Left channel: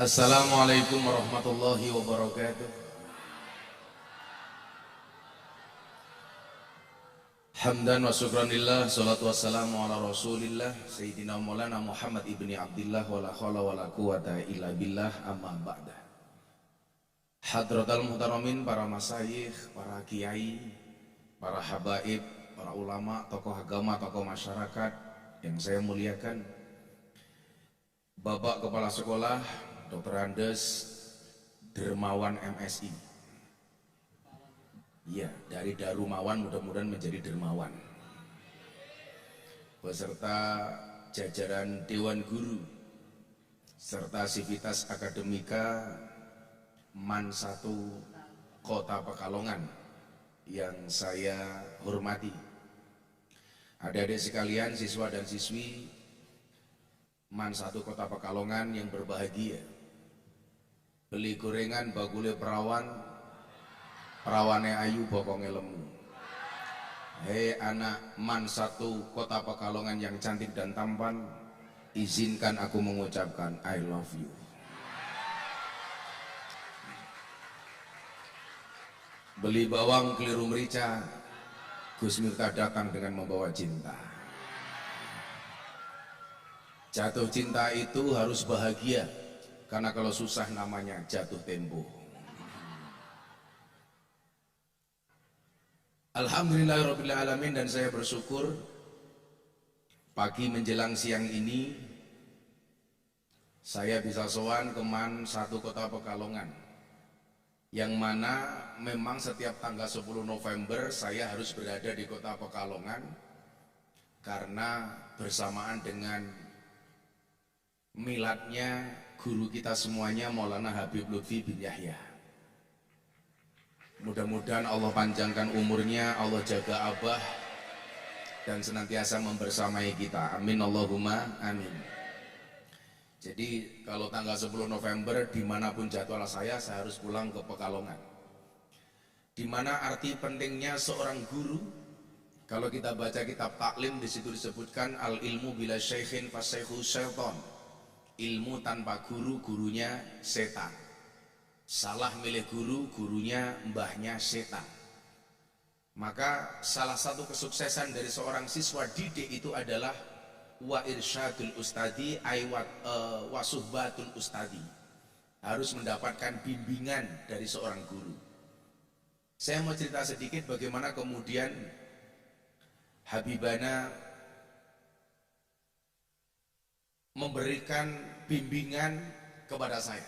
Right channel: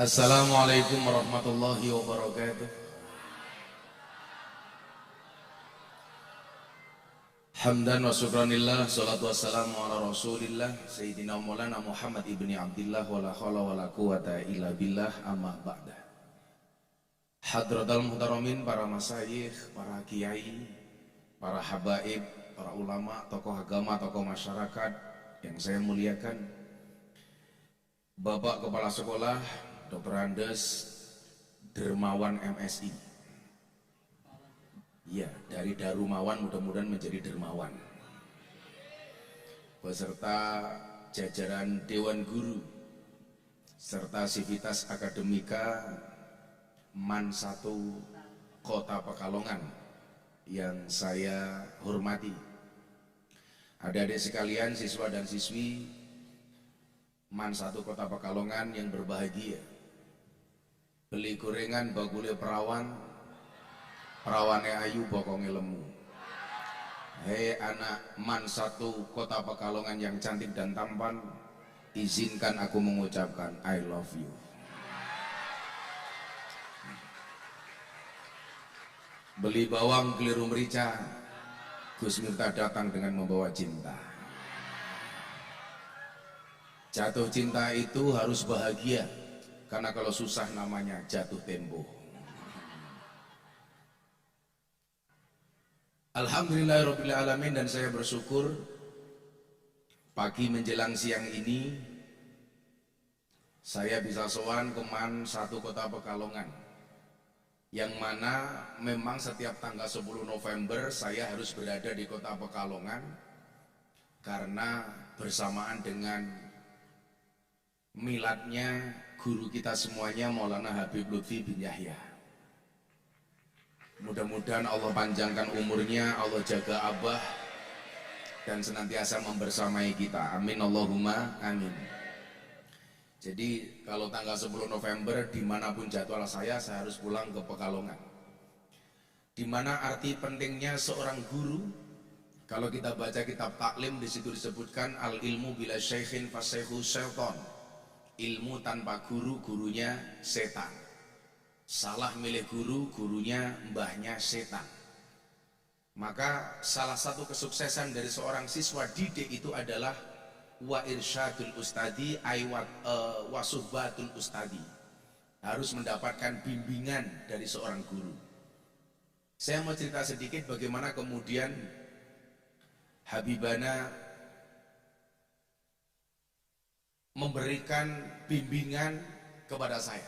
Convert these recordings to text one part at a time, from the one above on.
Assalamualaikum warahmatullahi wabarakatuh. Hamdan wa syukranillah, salatu wassalamu ala rasulillah Sayyidina Maulana Muhammad ibni Abdillah wa la khawla wa la quwata illa billah, amma ba'da. Hadratal muhtaramin, para masyayikh, para kiai, para habaib, para ulama, tokoh agama, tokoh masyarakat yang saya muliakan, Bapak Kepala Sekolah Dr. Andes Dermawan MSI. Ya, dari Darumawan mudah-mudahan menjadi Dermawan. Beserta jajaran Dewan Guru serta Sivitas Akademika MAN 1 Kota Pekalongan yang saya hormati. Adik-adik sekalian, siswa dan siswi MAN 1 Kota Pekalongan yang berbahagia. Beli gorengan bagule perawan, perawane ayu bokonge lemu. Hei anak MAN 1 Kota Pekalongan yang cantik dan tampan, izinkan aku mengucapkan I love you. Beli bawang keliru merica, Gus Miftah datang dengan membawa cinta. Jatuh cinta itu harus bahagia, karena kalau susah namanya jatuh tempo. Alhamdulillahirrabbilalamin, dan saya bersyukur pagi menjelang siang ini saya bisa sowan ke MAN 1 Kota Pekalongan, yang mana memang setiap tanggal 10 November saya harus berada di Kota Pekalongan karena bersamaan dengan miladnya guru kita semuanya Maulana Habib Lutfi bin Yahya. Mudah-mudahan Allah panjangkan umurnya, Allah jaga abah dan senantiasa membersamai kita. Amin Allahumma amin. Jadi kalau tanggal 10 November dimanapun jadwal saya harus pulang ke Pekalongan. Dimana arti pentingnya seorang guru? Kalau kita baca kitab taklim, di situ disebutkan al ilmu bila syaikhin fasyaihu syaiton. Ilmu tanpa guru, gurunya setan. Salah milih guru, gurunya mbahnya setan. Maka salah satu kesuksesan dari seorang siswa didik itu adalah wa irsyadul ustadi aywat wasuhbatul ustadi. Harus mendapatkan bimbingan dari seorang guru. Saya mau cerita sedikit bagaimana kemudian Habibana memberikan bimbingan kepada saya.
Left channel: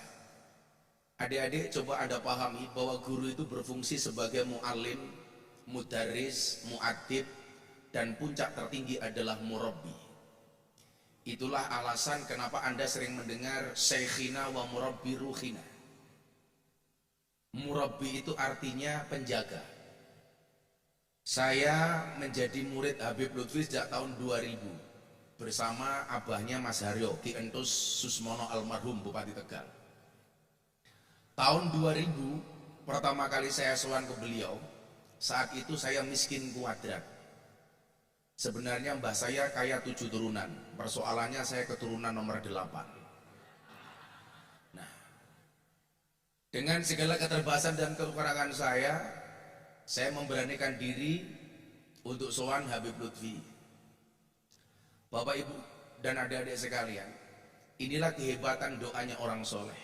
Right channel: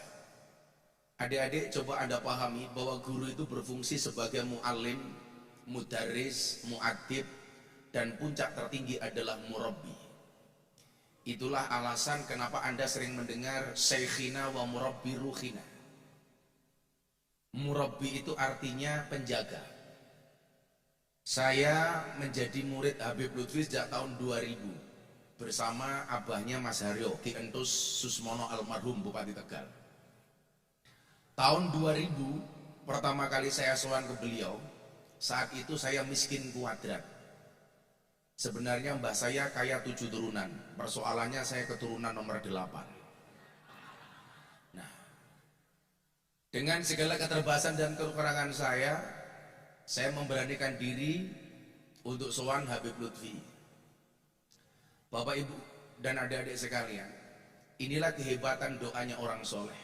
Adik-adik, coba Anda pahami bahwa guru itu berfungsi sebagai mu'alim, mudarris, mu'adib, dan puncak tertinggi adalah murabbi. Itulah alasan kenapa Anda sering mendengar syekhina wa murabbi ruhina. Murabbi itu artinya penjaga. Saya menjadi murid Habib Lutfi sejak tahun 2000 bersama abahnya Mas Haryo, Ki Entus Susmono almarhum Bupati Tegal. Tahun 2000 pertama kali saya sowan ke beliau. Saat itu saya miskin kuadrat. Sebenarnya mbah saya kaya 7 turunan. Persoalannya saya keturunan nomor 8. Nah, dengan segala keterbatasan dan kekurangan saya memberanikan diri untuk sowan Habib Lutfi. Bapak Ibu dan adik-adik sekalian, inilah kehebatan doanya orang soleh.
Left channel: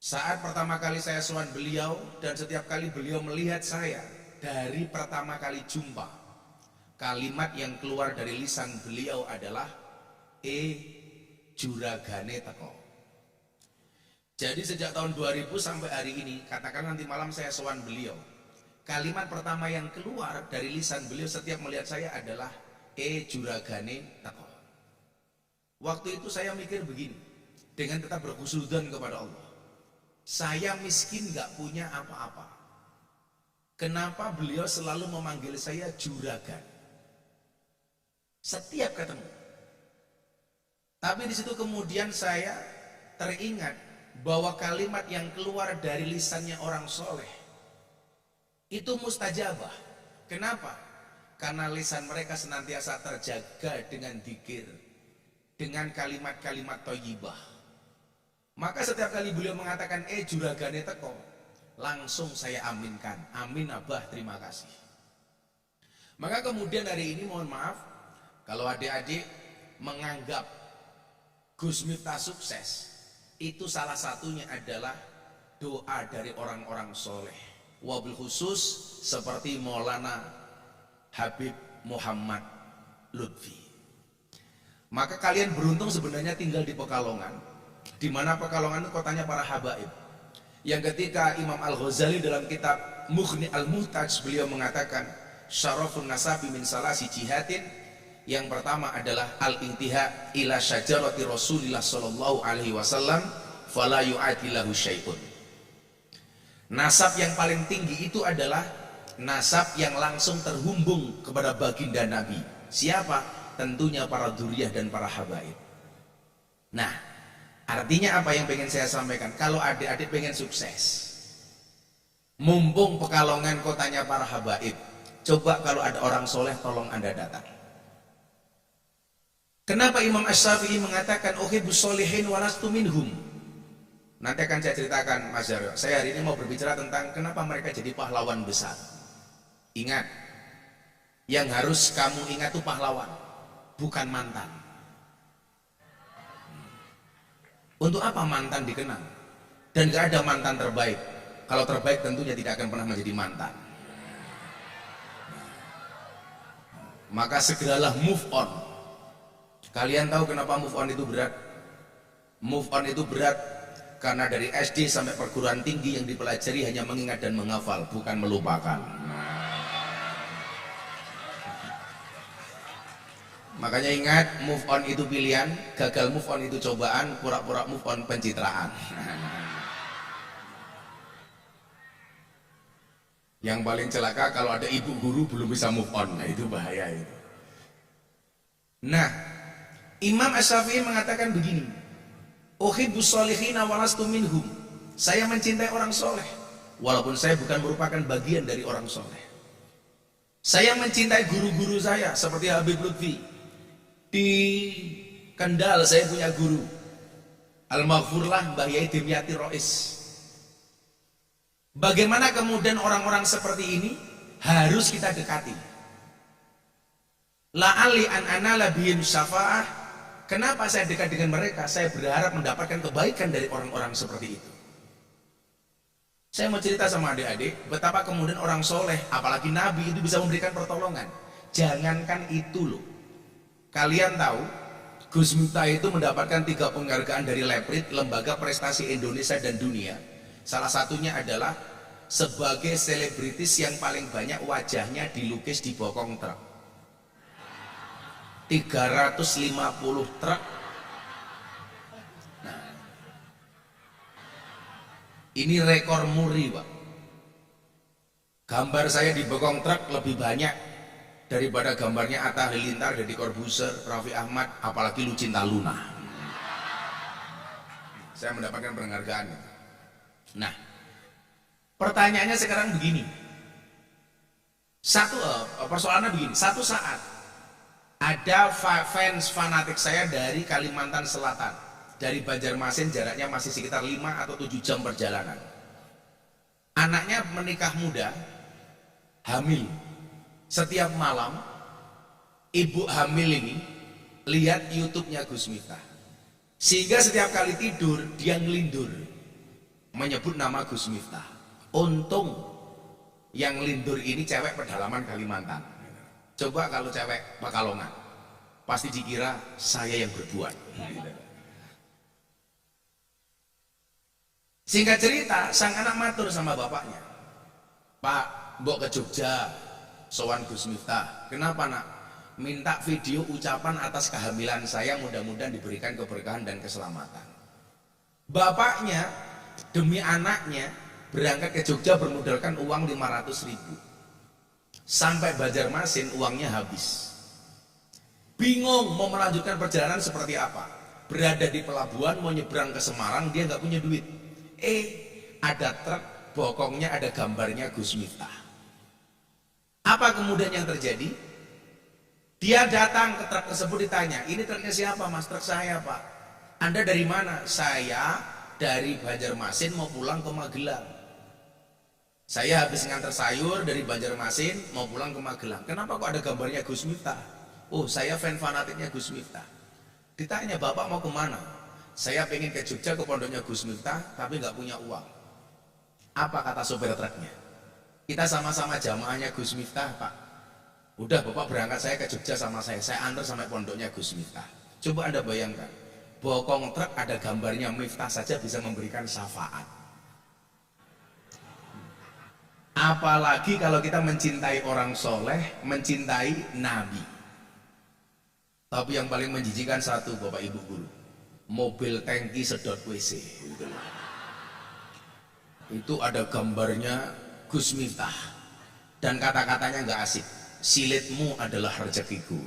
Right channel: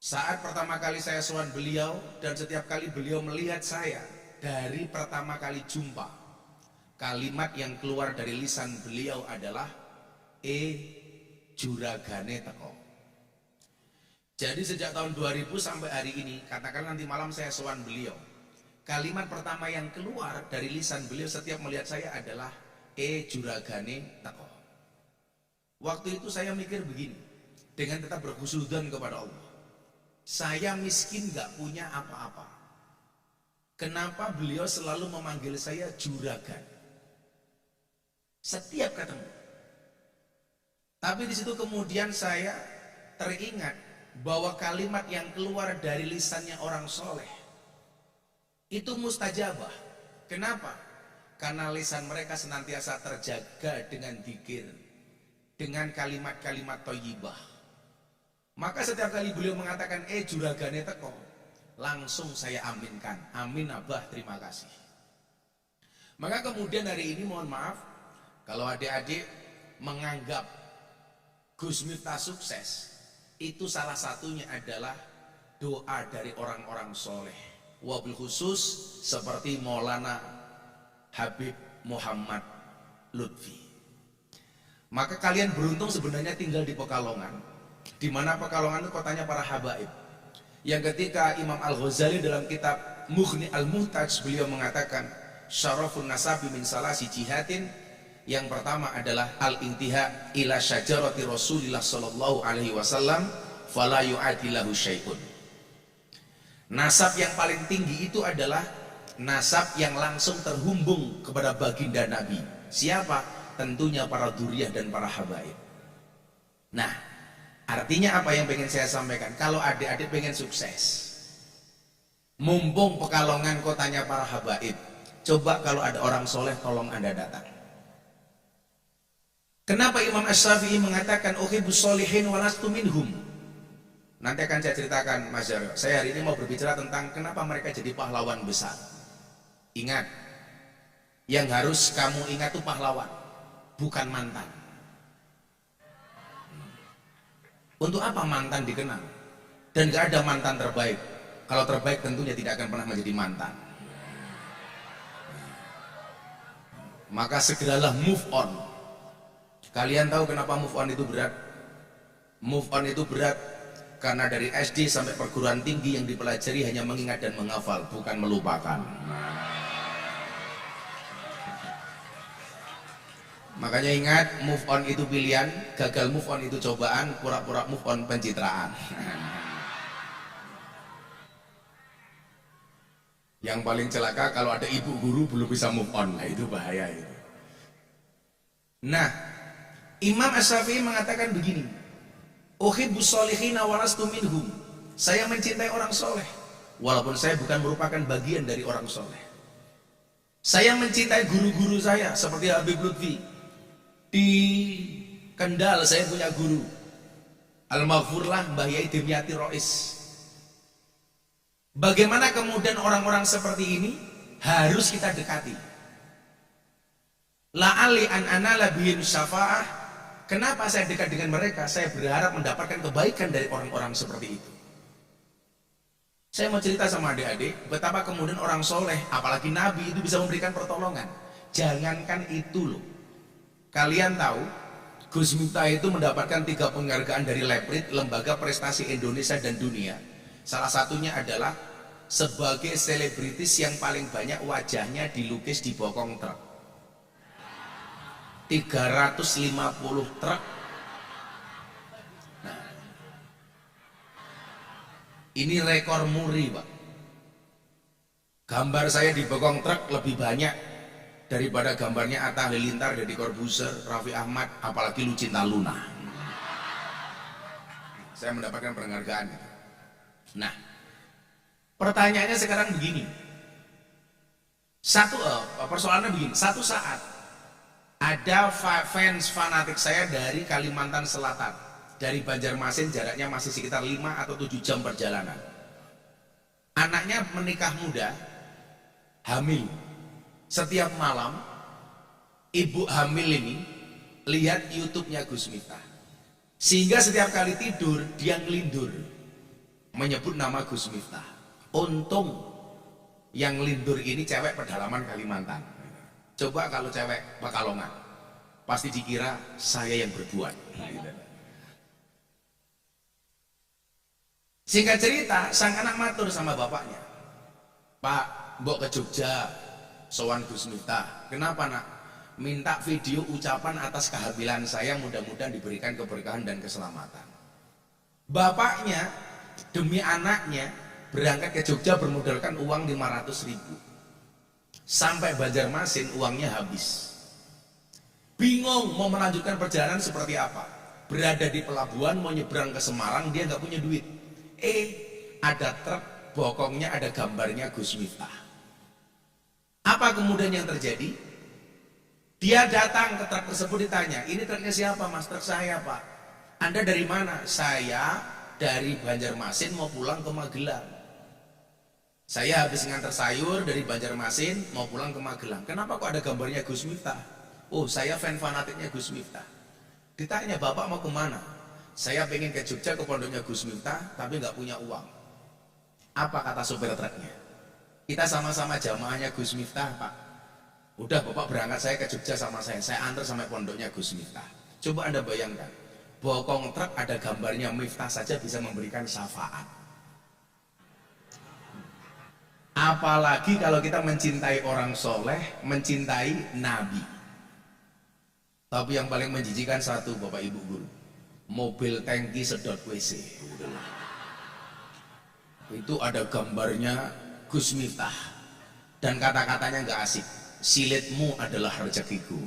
Saat pertama kali saya sowan beliau, dan setiap kali beliau melihat saya, dari pertama kali jumpa, kalimat yang keluar dari lisan beliau adalah juragane teko. Jadi sejak tahun 2000 sampai hari ini, katakan nanti malam saya sowan beliau, kalimat pertama yang keluar dari lisan beliau setiap melihat saya adalah juragane teko. Waktu itu saya mikir begini, dengan tetap berkhusnudzon kepada Allah. Saya miskin gak punya apa-apa. Kenapa beliau selalu memanggil saya juragan? Setiap ketemu. Tapi di situ kemudian saya teringat bahwa kalimat yang keluar dari lisannya orang soleh itu mustajabah. Kenapa? Karena lisan mereka senantiasa terjaga dengan dzikir, dengan kalimat-kalimat thayyibah. Maka setiap kali beliau mengatakan juragane teko, langsung saya aminkan. Amin Abah, terima kasih. Maka kemudian hari ini mohon maaf kalau adik-adik menganggap Gus Miftah sukses, itu salah satunya adalah doa dari orang-orang soleh. Wabil khusus seperti Maulana Habib Muhammad Lutfi. Maka kalian beruntung sebenarnya tinggal di Pekalongan, di mana Pekalongan itu kotanya para habaib. Yang ketika Imam Al-Ghazali dalam kitab Mughni Al-Muhtaj beliau mengatakan syarafun nasabi min salasi jihatin, yang pertama adalah al-intiha ila syajarati Rasulillah sallallahu alaihi wasallam fala yu'adilahu syai'un. Nasab yang paling tinggi itu adalah nasab yang langsung terhubung kepada baginda Nabi. Siapa? Tentunya para dzurriyyah dan para habaib. Nah, artinya apa yang pengen saya sampaikan? Kalau adik-adik pengen sukses, mumpung Pekalongan kotanya para habaib, coba kalau ada orang soleh tolong Anda datang. Kenapa Imam Asy-Syafi'i mengatakan uhibbus sholihin walastu minhum? Nanti akan saya ceritakan Mas Jaryo. Saya hari ini mau berbicara tentang kenapa mereka jadi pahlawan besar. Ingat, yang harus kamu ingat itu pahlawan, bukan mantan. Untuk apa mantan dikenang? Dan gak ada mantan terbaik. Kalau terbaik tentunya tidak akan pernah menjadi mantan. Maka segeralah move on. Kalian tahu kenapa move on itu berat? Move on itu berat karena dari SD sampai perguruan tinggi yang dipelajari hanya mengingat dan menghafal, bukan melupakan. Makanya ingat, move on itu pilihan, gagal move on itu cobaan, pura-pura move on pencitraan. Yang paling celaka kalau ada ibu guru belum bisa move on, nah itu bahaya itu. Nah, Imam Asy-Syafi'i mengatakan begini, uhibbus sholihina walastu minhum. Saya mencintai orang soleh walaupun saya bukan merupakan bagian dari orang soleh. Saya mencintai guru-guru saya seperti Habib Lutfi. Di Kendal saya punya guru Al-Maghfurlah Mbah Yai Dimyati Rois. Bagaimana kemudian orang-orang seperti ini harus kita dekati. La'ali an anala bihim syafa'ah. Kenapa saya dekat dengan mereka? Saya berharap mendapatkan kebaikan dari orang-orang seperti itu. Saya mau cerita sama adik-adik betapa kemudian orang soleh, apalagi Nabi, itu bisa memberikan pertolongan. Jangankan itu loh, kalian tahu Gus Miftah itu mendapatkan 3 penghargaan dari Leprit, Lembaga Prestasi Indonesia dan Dunia. Salah satunya adalah sebagai selebritis yang paling banyak wajahnya dilukis di bokong truk. 350 truk. Nah, ini rekor muri, Pak. Gambar saya di bokong truk lebih banyak daripada gambarnya Atta Halilintar, Deddy Corbuzier, Raffi Ahmad, apalagi Lucinta Luna. Saya mendapatkan penghargaan itu. Nah, pertanyaannya sekarang begini. Persoalannya begini. Satu saat ada fans fanatik saya dari Kalimantan Selatan, dari Banjarmasin, jaraknya masih sekitar 5 atau 7 jam perjalanan. Anaknya menikah muda, hamil. Setiap malam ibu hamil ini lihat YouTube-nya Gus Miftah, sehingga setiap kali tidur dia ngelindur menyebut nama Gus Miftah. Untung yang lindur ini cewek pedalaman Kalimantan. Coba kalau cewek Pekalongan, pasti dikira saya yang berbuat. Singkat cerita, sang anak matur sama bapaknya, Pak, mbok ke Jogja sowan Gus Miftah. Kenapa nak? Minta video ucapan atas kehamilan saya, mudah-mudahan diberikan keberkahan dan keselamatan. Bapaknya demi anaknya berangkat ke Jogja bermodalkan uang 500.000. Sampai Banjarmasin uangnya habis. Bingung mau melanjutkan perjalanan seperti apa. Berada di pelabuhan mau nyebrang ke Semarang, dia nggak punya duit. Ada truk, bokongnya ada gambarnya Gus Miftah. Apa kemudian yang terjadi? Dia datang ke truk tersebut, ditanya, ini truknya siapa Mas? Truk saya Pak. Anda dari mana? Saya dari Banjarmasin mau pulang ke Magelang. Saya habis nganter sayur dari Banjarmasin mau pulang ke Magelang. Kenapa kok ada gambarnya Gus Miftah? Oh, saya fan fanatiknya Gus Miftah. Ditanya, bapak mau kemana? Saya pengen ke Jogja ke pondoknya Gus Miftah, tapi nggak punya uang. Apa kata sopir truknya? Kita sama-sama jamaahnya Gus Miftah, Pak. Udah, bapak berangkat, saya ke Jogja sama saya antar sampai pondoknya Gus Miftah. Coba Anda bayangkan, bokong truk ada gambarnya Miftah saja bisa memberikan syafaat. Apalagi kalau kita mencintai orang soleh, mencintai Nabi. Tapi yang paling menjijikan satu, Bapak Ibu Guru, mobil tangki sedot WC. Itu ada gambarnya Gus Miftah. Dan kata-katanya nggak asik. Silitmu adalah rezekiku.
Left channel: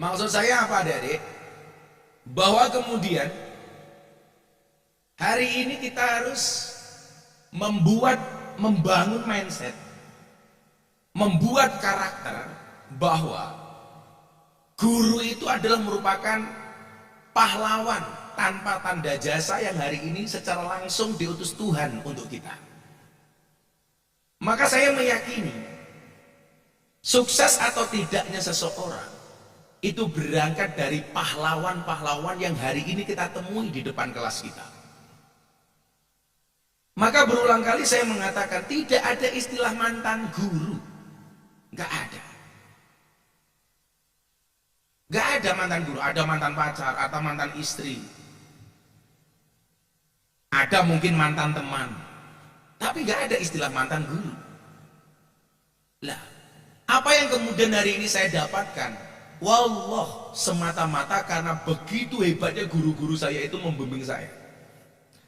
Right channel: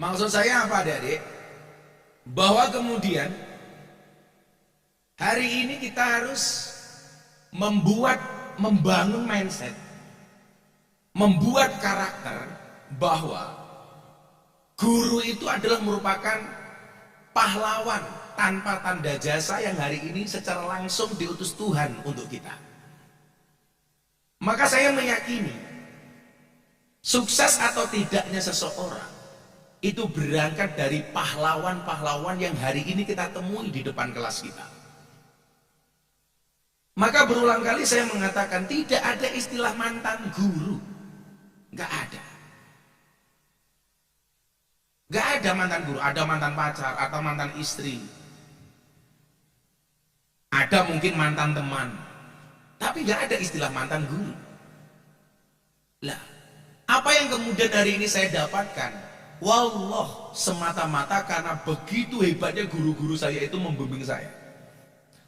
Maksud saya apa, adik-adik? Bahwa kemudian hari ini kita harus membangun mindset, membuat karakter bahwa guru itu adalah merupakan pahlawan tanpa tanda jasa yang hari ini secara langsung diutus Tuhan untuk kita. Maka saya meyakini sukses atau tidaknya seseorang itu berangkat dari pahlawan-pahlawan yang hari ini kita temui di depan kelas kita. Maka berulang kali saya mengatakan tidak ada istilah mantan guru. Gak ada. Gak ada mantan guru. Ada mantan pacar atau mantan istri. Ada mungkin mantan teman. Tapi gak ada istilah mantan guru. Lah, apa yang kemudian hari ini saya dapatkan? Wallah, semata-mata karena begitu hebatnya guru-guru saya itu membimbing saya.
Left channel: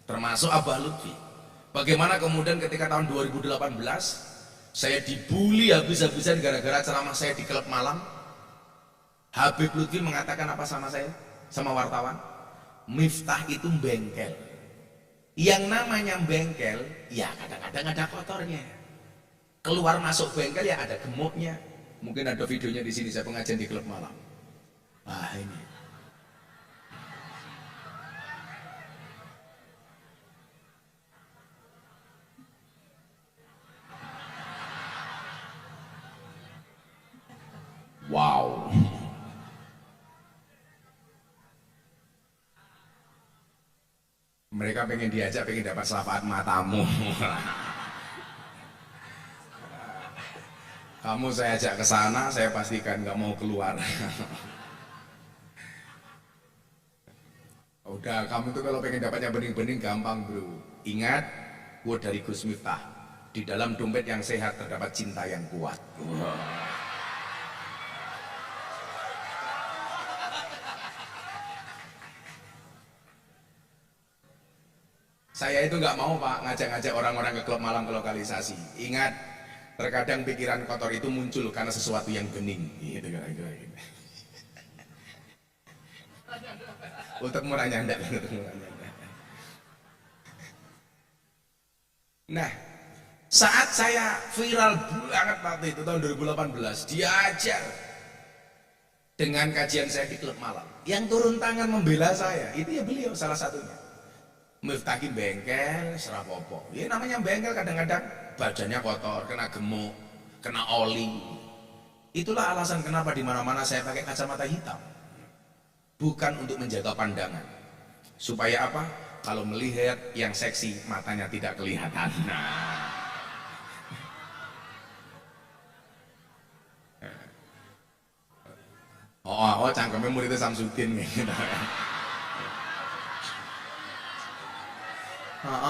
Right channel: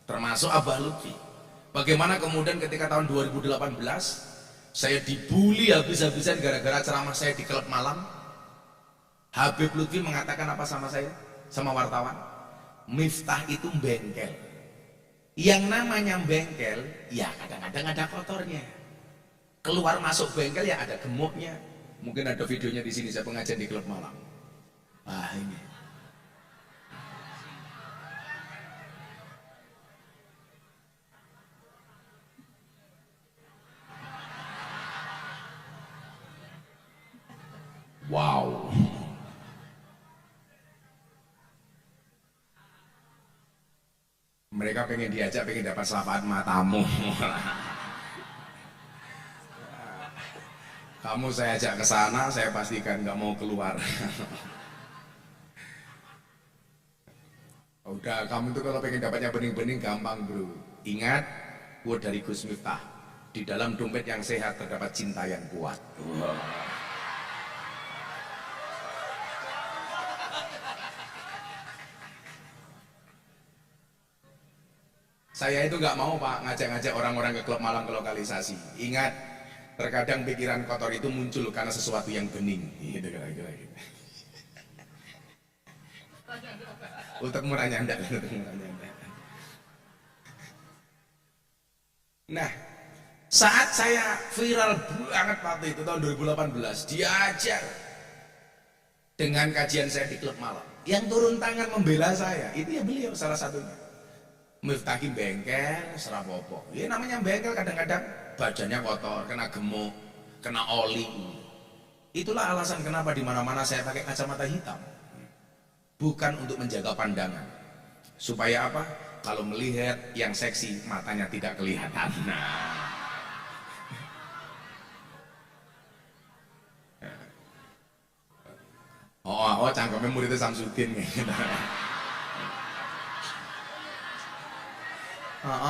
Termasuk Abah Lutfi. Bagaimana kemudian ketika tahun 2018 saya dibully habis-habisan gara-gara ceramah saya di klub Malang. Habib Lutfi mengatakan apa sama saya? Sama wartawan? Miftah itu bengkel. Yang namanya bengkel, ya kadang-kadang ada kotornya. Keluar masuk bengkel ya ada gemuknya. Mungkin ada videonya di sini saya pengajian di klub Malang. Wah, ini. Wow. Mereka pengen diajak, pengen dapat syafaat matamu. Kamu saya ajak ke sana, saya pastikan nggak mau keluar. Udah, kamu tuh kalau pengen dapatnya bening-bening gampang, bro. Ingat quote dari Gus Miftah, di dalam dompet yang sehat terdapat cinta yang kuat. Wow. Saya itu nggak mau, Pak, ngajak-ngajak orang-orang ke klub malam ke lokalisasi. Ingat, terkadang pikiran kotor itu muncul karena sesuatu yang bening. Gitu kira-kira. Untuk murah nyanda. Nah, saat saya viral banget waktu itu tahun 2018, diajar dengan kajian saya di klub malam. Yang turun tangan membela saya, itu ya beliau salah satunya. Miftah bengkel, serapopo. Ya namanya bengkel kadang-kadang badannya kotor, kena gemuk, kena oli. Itulah alasan kenapa di mana-mana saya pakai kacamata hitam. Bukan untuk menjaga pandangan. Supaya apa? Kalau melihat yang seksi, matanya tidak kelihatan. Nah. Oh, cangkemnya muridnya Samsudin gitu.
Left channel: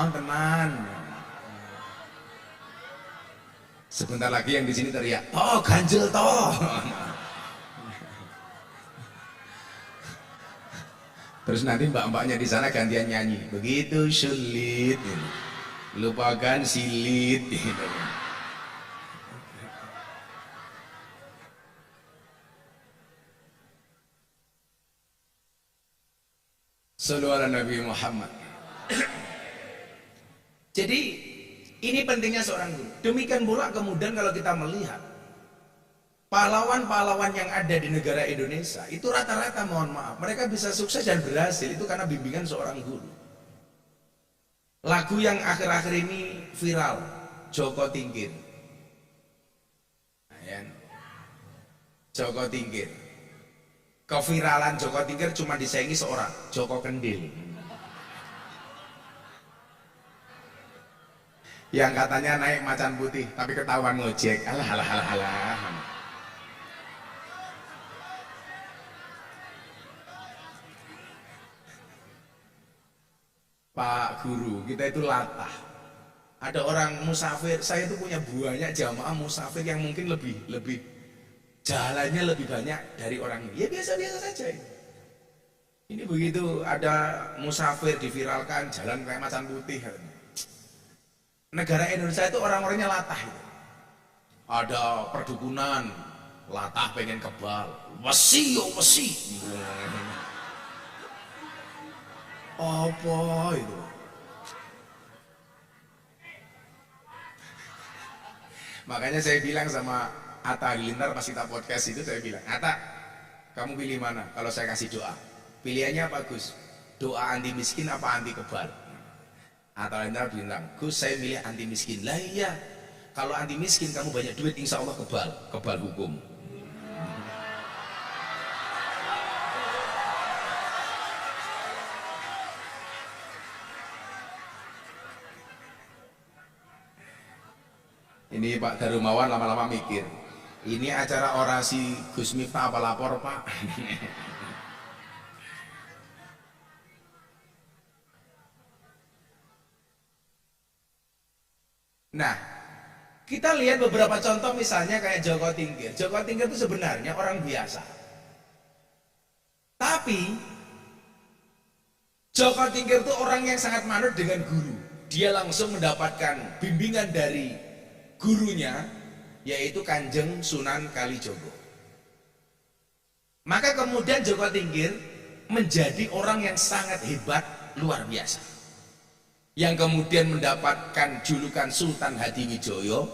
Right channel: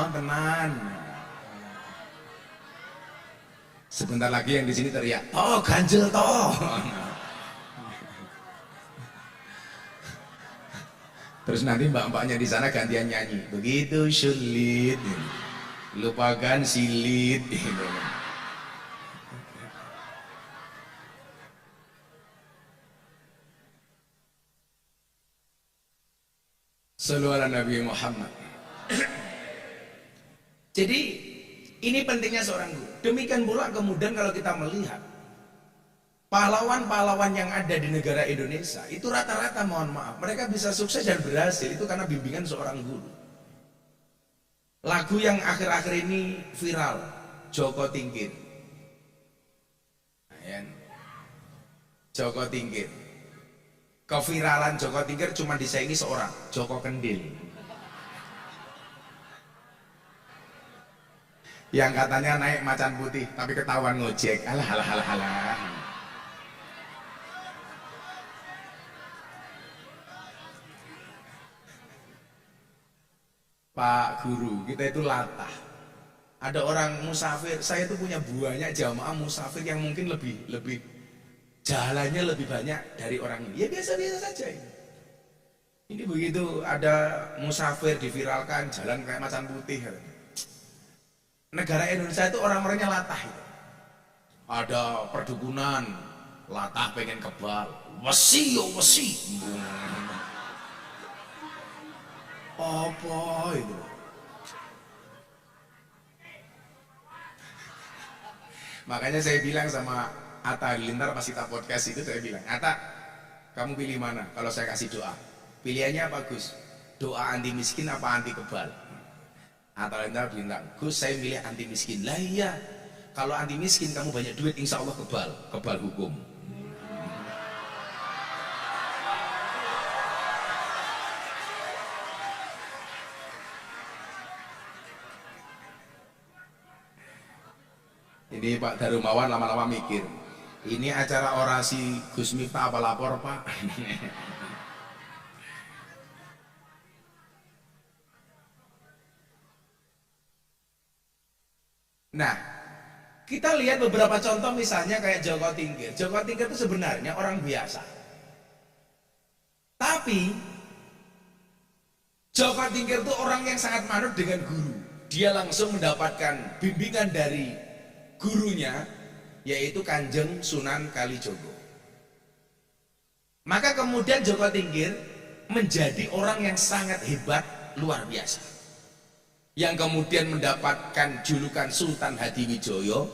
Tenan. Sebentar lagi yang di sini teriak, "Toh, ganjel toh." Terus nanti mbak-mbaknya di sana gantian nyanyi, "Begitu sulit, lupakan silit." Sallu ala Nabi Muhammad. Jadi ini pentingnya seorang guru. Demikian pula kemudian kalau kita melihat Pahlawan-pahlawan yang ada di negara Indonesia itu rata-rata, mohon maaf, mereka bisa sukses dan berhasil itu karena bimbingan seorang guru. Lagu yang akhir-akhir ini viral, Joko Tingkir. Joko Tingkir. Keviralan Joko Tingkir cuma disaingi seorang, Joko Kendil. Yang katanya naik macan putih tapi ketahuan ngojek. Alah alah alah alah. Pak Guru, kita itu latah. Ada orang musafir, saya tuh punya banyak jamaah musafir yang mungkin lebih jalannya lebih banyak dari orang ini. Ya biasa-biasa saja ini. Ini begitu ada musafir diviralkan jalan kayak macan putih. Negara Indonesia itu orang-orangnya latah itu. Ada perdukunan, latah pengen kebal. Wesi yo wesi. Apa itu? Makanya saya bilang sama Atta Halilintar pas kita podcast itu, saya bilang, Atta, kamu pilih mana kalau saya kasih doa? Pilihannya apa Gus? Doa anti miskin apa anti kebal? Atta Halilintar bilang, Gus saya milih anti miskin. Lah iya, kalau anti miskin kamu banyak duit, insya Allah kebal hukum. Ini Pak Darumawan lama-lama mikir, ini acara orasi Gus Miftah apa lapor Pak? Nah, kita lihat beberapa contoh misalnya kayak Joko Tingkir. Joko Tingkir itu sebenarnya orang biasa. Tapi Joko Tingkir itu orang yang sangat manut dengan guru. Dia langsung mendapatkan bimbingan dari gurunya, yaitu Kanjeng Sunan Kalijogo. Maka kemudian Joko Tingkir menjadi orang yang sangat hebat, luar biasa, yang kemudian mendapatkan julukan Sultan Hadiwijoyo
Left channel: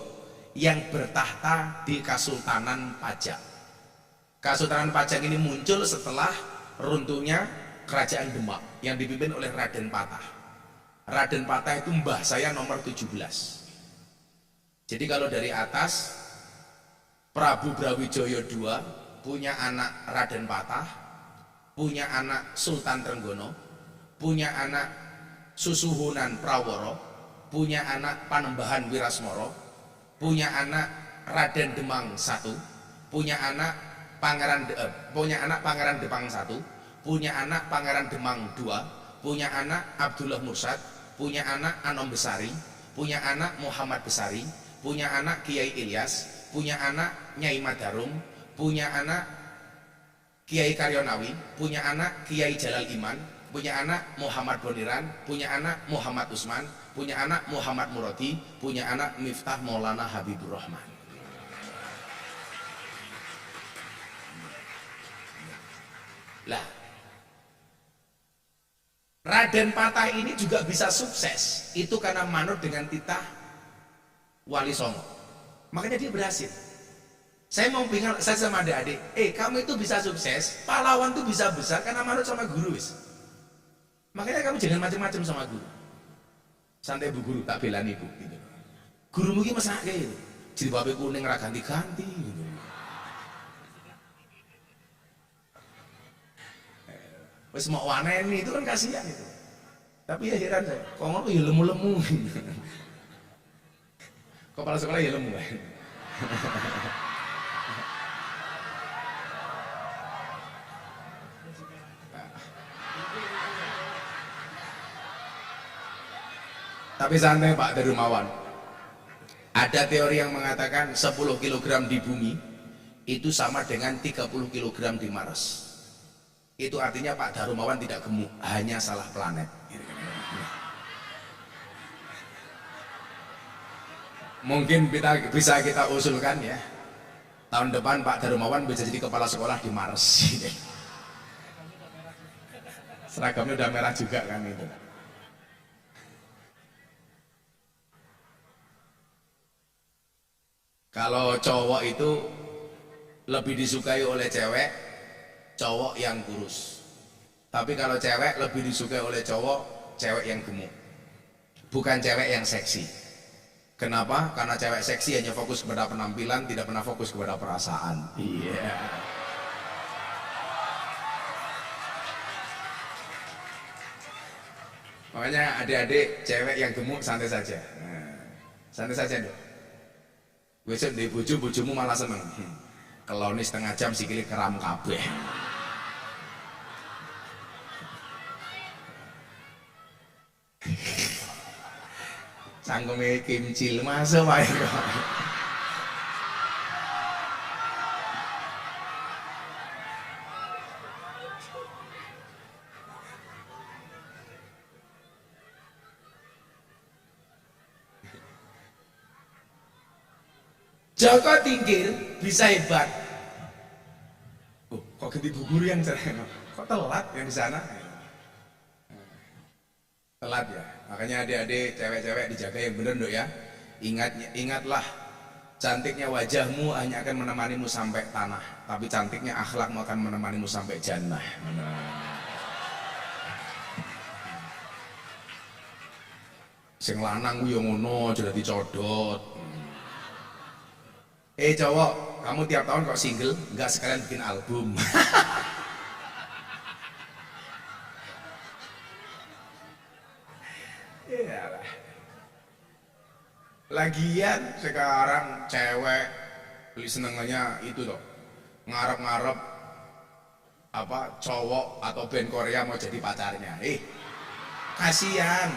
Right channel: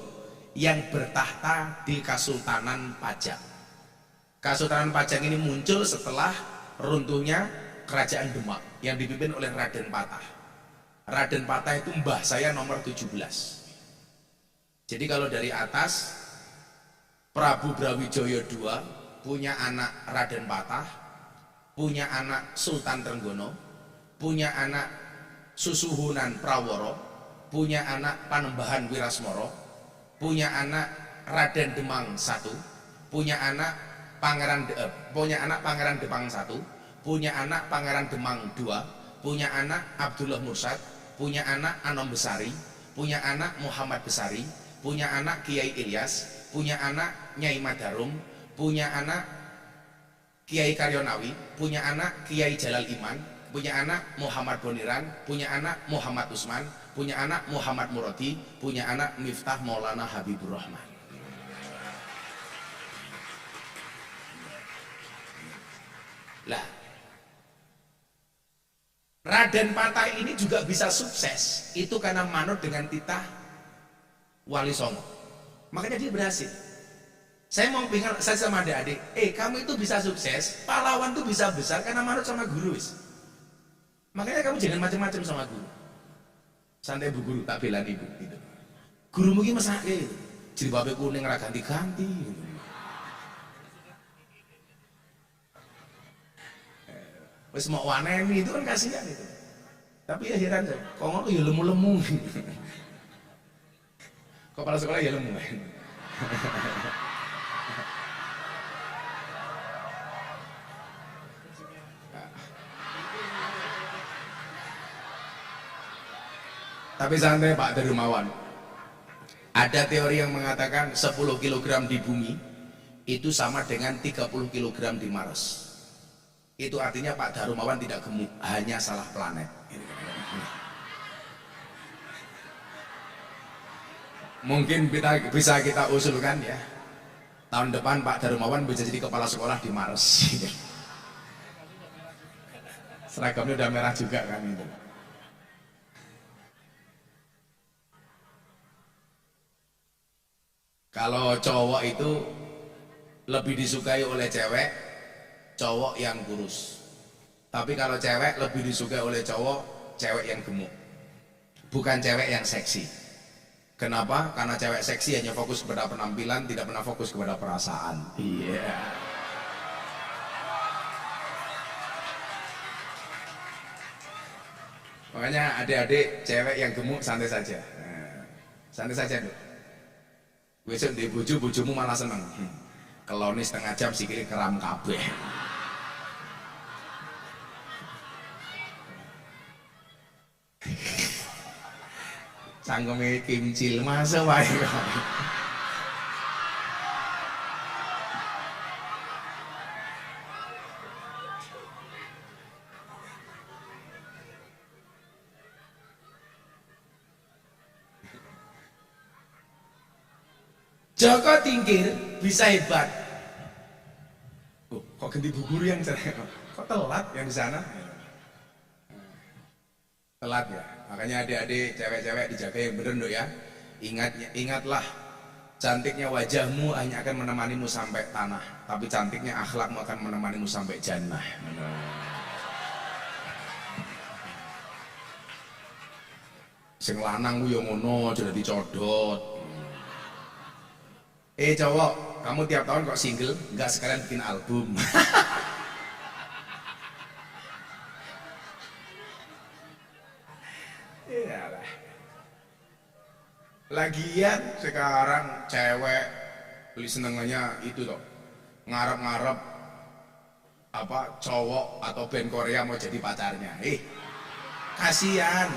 yang bertahta di Kasultanan Pajang. Kasultanan Pajang ini muncul setelah runtuhnya Kerajaan Demak yang dipimpin oleh Raden Patah. Raden Patah itu mbah saya nomor 17. Jadi kalau dari atas, Prabu Brawijaya II punya anak Raden Patah, punya anak Sultan Trenggono, punya anak Susuhunan Praworo, punya anak Panembahan Wirasmoro, punya anak Raden Demang I, punya anak Pangeran Demang I, punya anak Pangeran Demang II, punya anak Abdullah Mursad, punya anak Anom Besari, punya anak Muhammad Besari, punya anak Kiai Ilyas, punya anak Nyai Madarum, punya anak Kiai Karyonawi, punya anak Kiai Jalal Iman, punya anak Muhammad Boniran, punya anak Muhammad Usman, punya anak Muhammad Muradi, punya anak Miftah Maulana Habibur Rahman. Lah, Raden Patah ini juga bisa sukses, itu karena manut dengan titah Wali Songo. Makanya dia berhasil. Saya mau pingal, saya sama adik-adik, kamu itu bisa sukses, pahlawan tuh bisa besar karena manut sama guru wis. Makanya kamu jangan macam-macam sama guru. Santai Bu Guru, tak belani Bu gitu. Guru mungkin mesake gitu. Jilbabe kuning ra ganti-ganti gitu. Wis mau waneni itu kan kasihan itu. Tapi ya heran saya, kok ngono ya lemu-lemu. Kepala sekolah ya lemu kan. Tapi santai Pak Darumawan. Ada teori yang mengatakan 10 kg di bumi itu sama dengan 30 kg di Mars. Itu artinya Pak Darumawan tidak gemuk, hanya salah planet. Mungkin bisa kita usulkan ya, tahun depan Pak Darumawan bisa jadi kepala sekolah di Mars. Seragamnya udah merah juga kan itu. Kalau cowok itu lebih disukai oleh cewek cowok yang kurus. Tapi kalau cewek lebih disukai oleh cowok cewek yang gemuk, bukan cewek yang seksi. Kenapa? Karena cewek seksi hanya fokus kepada penampilan, tidak pernah fokus kepada perasaan. Iya. Yeah. Makanya adik-adik cewek yang gemuk santai saja. Nah, santai saja dong. Besok di bojomu malah seneng. Keloni setengah jam sikile keram kabeh. Cangkeme kimcil masuk wae kok. Joko Tingkir bisa hebat. Oh, kok ganti bu guru yang cerai? Kok telat yang di sana? Telat ya. Makanya adik-adik cewek-cewek dijaga yang bener dok ya. Ingatlah, cantiknya wajahmu hanya akan menemanimu sampai tanah, tapi cantiknya akhlakmu akan menemanimu sampai jannah. Sing lanang ku yo ngono, aja dadi codot. Cowok, kamu tiap tahun kok single, nggak sekalian bikin album. Iyalah. Lagian sekarang cewek beli senengannya itu toh, ngarep-ngarep apa cowok atau band Korea mau jadi pacarnya. Kasihan.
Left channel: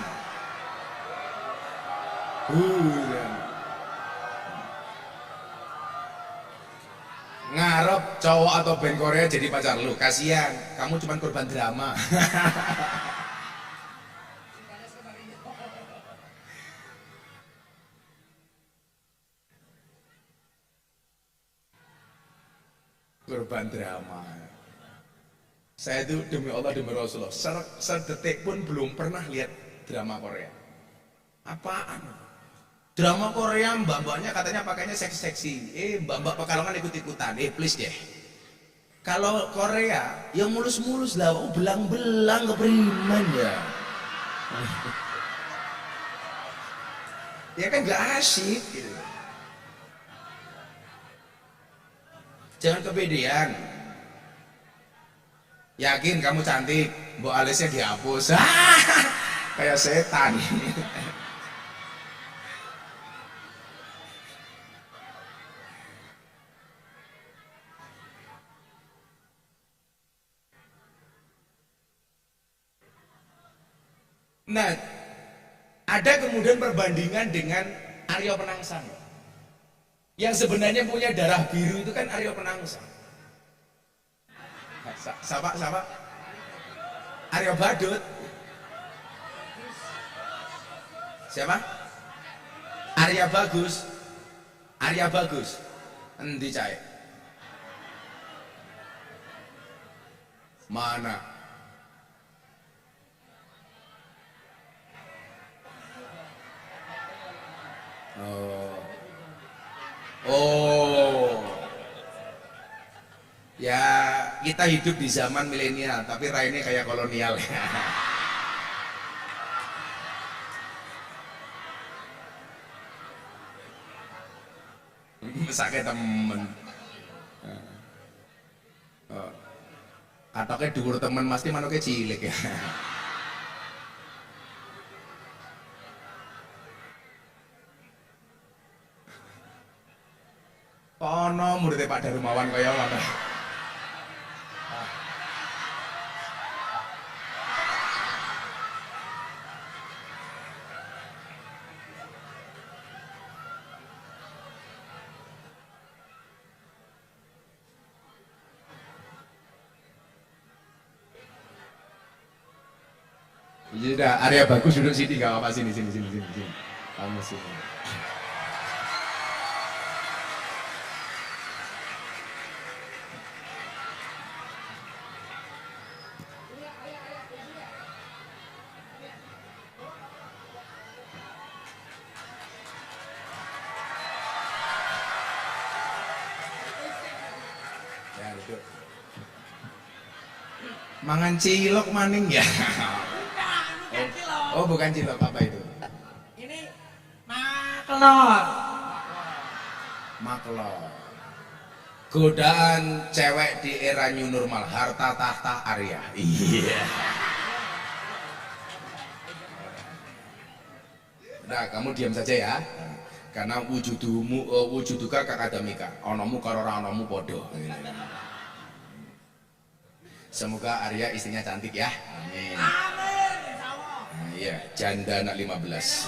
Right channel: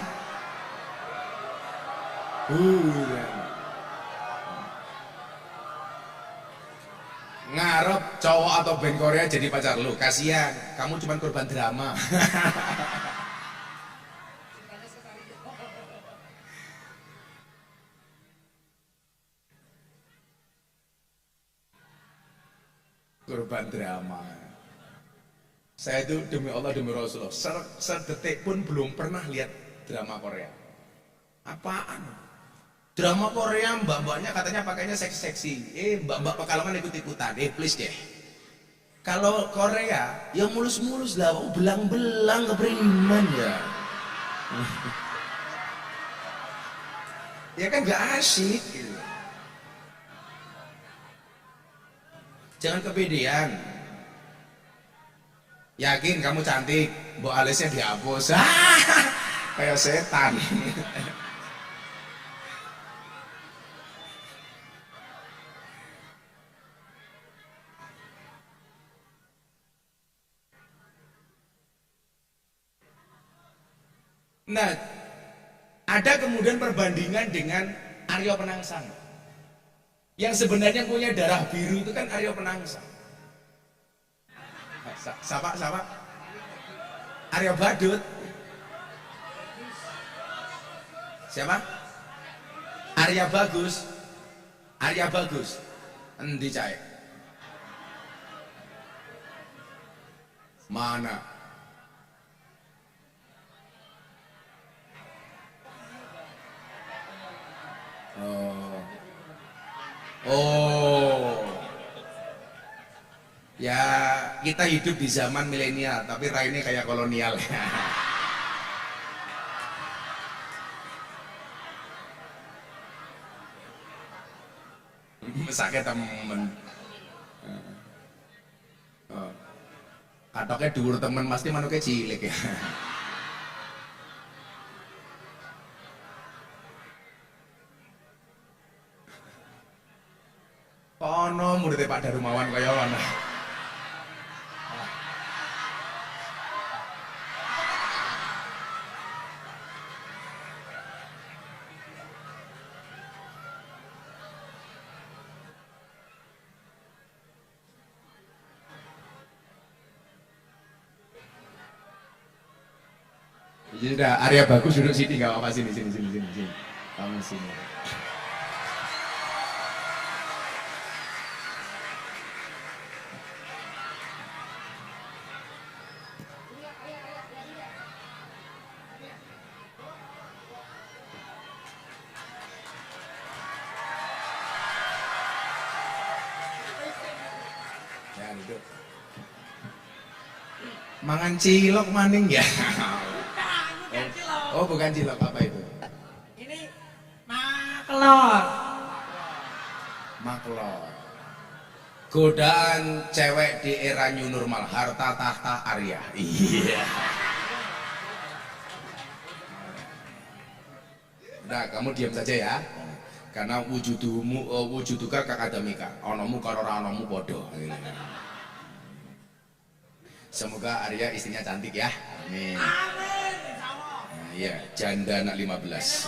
Ngarep cowok atau band Korea jadi pacar lu, kasihan. Kamu cuman korban drama. Korban drama. Saya itu demi Allah demi Rasulullah sedetik pun belum pernah lihat drama Korea. Apaan? Drama Korea mbak-mbaknya katanya pakainya seksi-seksi. Mbak-mbak Pekalongan ikut-ikutan. Please deh. Kalau Korea ya mulus-mulus lah, belang-belang kepriman ya. Ya kan nggak asik gitu. Jangan kepedean. Yakin kamu cantik, mbok alisnya dihapus. Kayak setan. Nah, ada kemudian perbandingan dengan Aryo Penangsang. Yang sebenarnya punya darah biru itu kan Aryo Penangsang. Siapa? Aryo Badut. Siapa? Arya Bagus. Arya Bagus. Endi cae? Mana? Oh. Ya, kita hidup di zaman milenial, tapi raine kayak kolonial. Mesake temen. Katoknya dhuwur temen pasti manuknya cilik ya. Kono muridnya Pak Darumawan kaya mana? Jadi udah Arya Bagus duduk sini nggak apa-apa, sini. Kamu sini. Duduk. Mangan cilok maning ya? Bukan cilok. Oh bukan cilok, apa itu? Ini maklor. Maklor. Godaan cewek di era new normal, harta tahta Arya. Iya. Udah, kamu diam saja ya. Karena wujuduka kakadamika, onomu karo ora onomu podo. Semoga Arya istrinya cantik ya. Amin. Amin, insyaallah. Nah, iya, janda anak 15.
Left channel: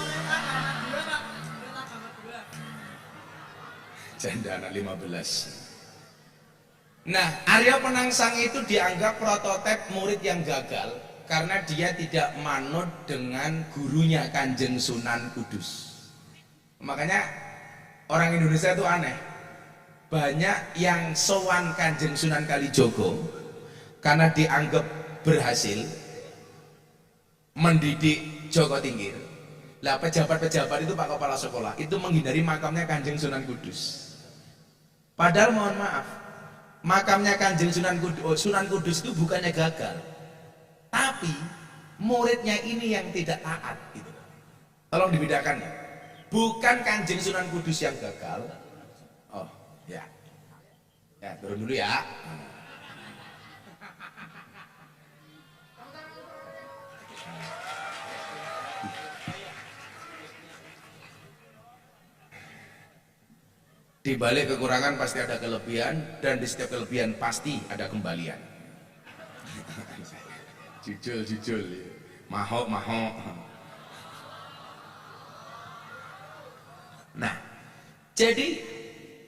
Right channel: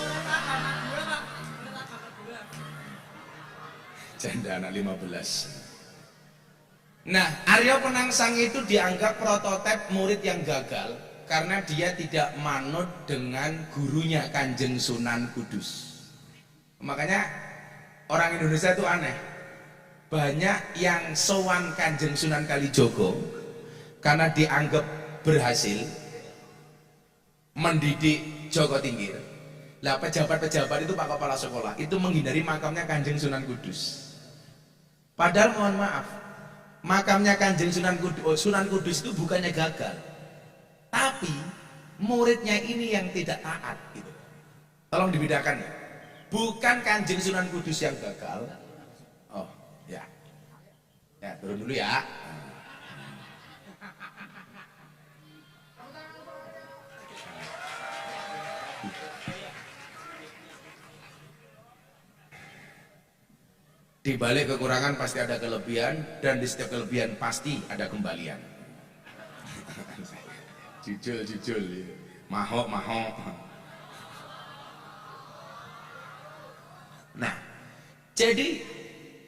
Janda anak 15. Nah, Arya Penangsang itu dianggap prototipe murid yang gagal karena dia tidak manut dengan gurunya Kanjeng Sunan Kudus. Makanya orang Indonesia itu aneh. Banyak yang sowan Kanjeng Sunan Kalijogo karena dianggap berhasil mendidik Joko Tingkir. Lah pejabat-pejabat itu Pak Kepala Sekolah itu menghindari makamnya Kanjeng Sunan Kudus. Padahal mohon maaf, makamnya Kanjeng Sunan Kudus itu bukannya gagal, tapi muridnya ini yang tidak taat gitu. Tolong dibedakan ya. Bukan Kanjeng Sunan Kudus yang gagal. Oh, ya. Ya, turun dulu ya. Di balik kekurangan pasti ada kelebihan, dan di setiap kelebihan pasti ada kembalian. Jujul, mahok. Nah, jadi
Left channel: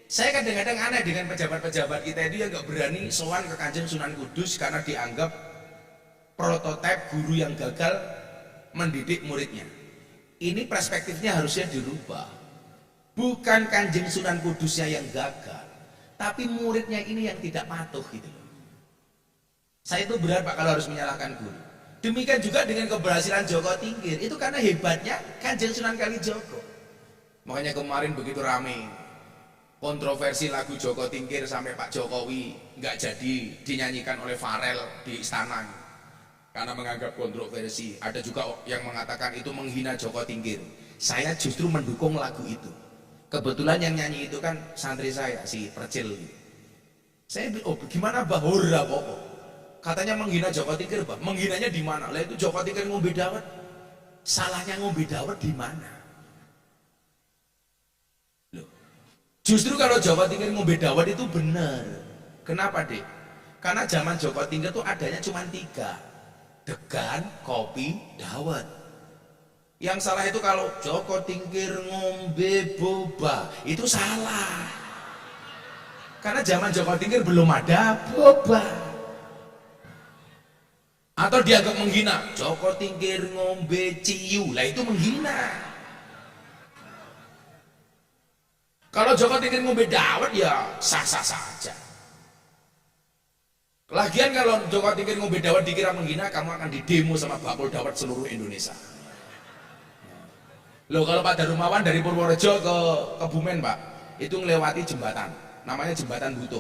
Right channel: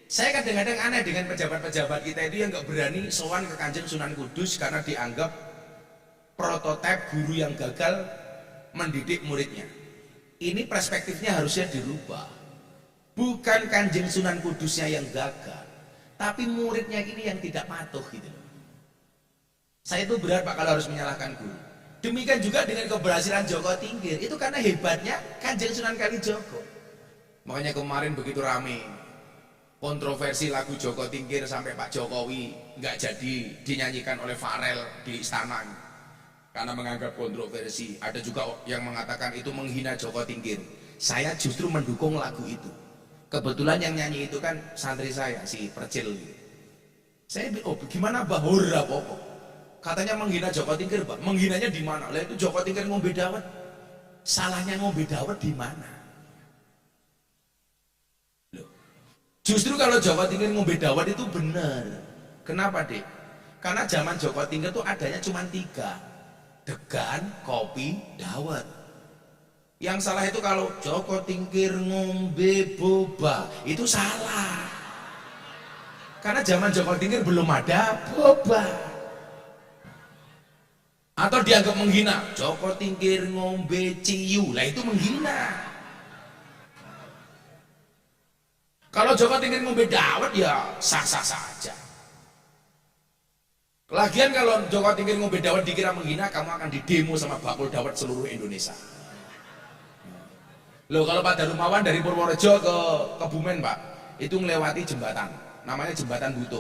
saya kadang-kadang aneh dengan pejabat-pejabat kita itu yang nggak berani sowan ke Kanjeng Sunan Kudus karena dianggap prototipe guru yang gagal mendidik muridnya. Ini perspektifnya harusnya dirubah. Bukan Kanjeng Sunan Kudusnya yang gagal, tapi muridnya ini yang tidak patuh gitu. Saya itu berat Pak kalau harus menyalahkan guru. Demikian juga dengan keberhasilan Joko Tingkir, itu karena hebatnya Kanjeng Sunan Kalijogo. Makanya kemarin begitu rame kontroversi lagu Joko Tingkir sampai Pak Jokowi nggak jadi dinyanyikan oleh Farel di istana karena menganggap kontroversi. Ada juga yang mengatakan itu menghina Joko Tingkir. Saya justru mendukung lagu itu. Kebetulan yang nyanyi itu kan santri saya, si Percil gitu. Saya oh gimana bah? Hurra pokok. Katanya menghina Joko Tingkir, bah. Menghinanya di mana? Lah itu Joko Tingkir ngombe dawet. Salahnya ngombe dawet di mana? Loh. Justru kalau Joko Tingkir ngombe dawet itu benar. Kenapa, Dek? Karena zaman Joko Tingkir tuh adanya cuma 3. Degan, kopi, dawet. Yang salah itu kalau Joko Tingkir ngombe boba, itu salah. Karena zaman Joko Tingkir belum ada boba. Atau dianggap menghina, Joko Tingkir ngombe ciu, lah itu menghina. Kalau Joko Tingkir ngombe dawet ya sah-sah saja. Lagian kalau Joko Tingkir ngombe dawet dikira menghina, kamu akan didemo sama bakul dawet seluruh Indonesia. Loh, kalau Pak Darumawan dari Purworejo ke Kebumen Pak, itu ngelewati jembatan, namanya Jembatan Butuh.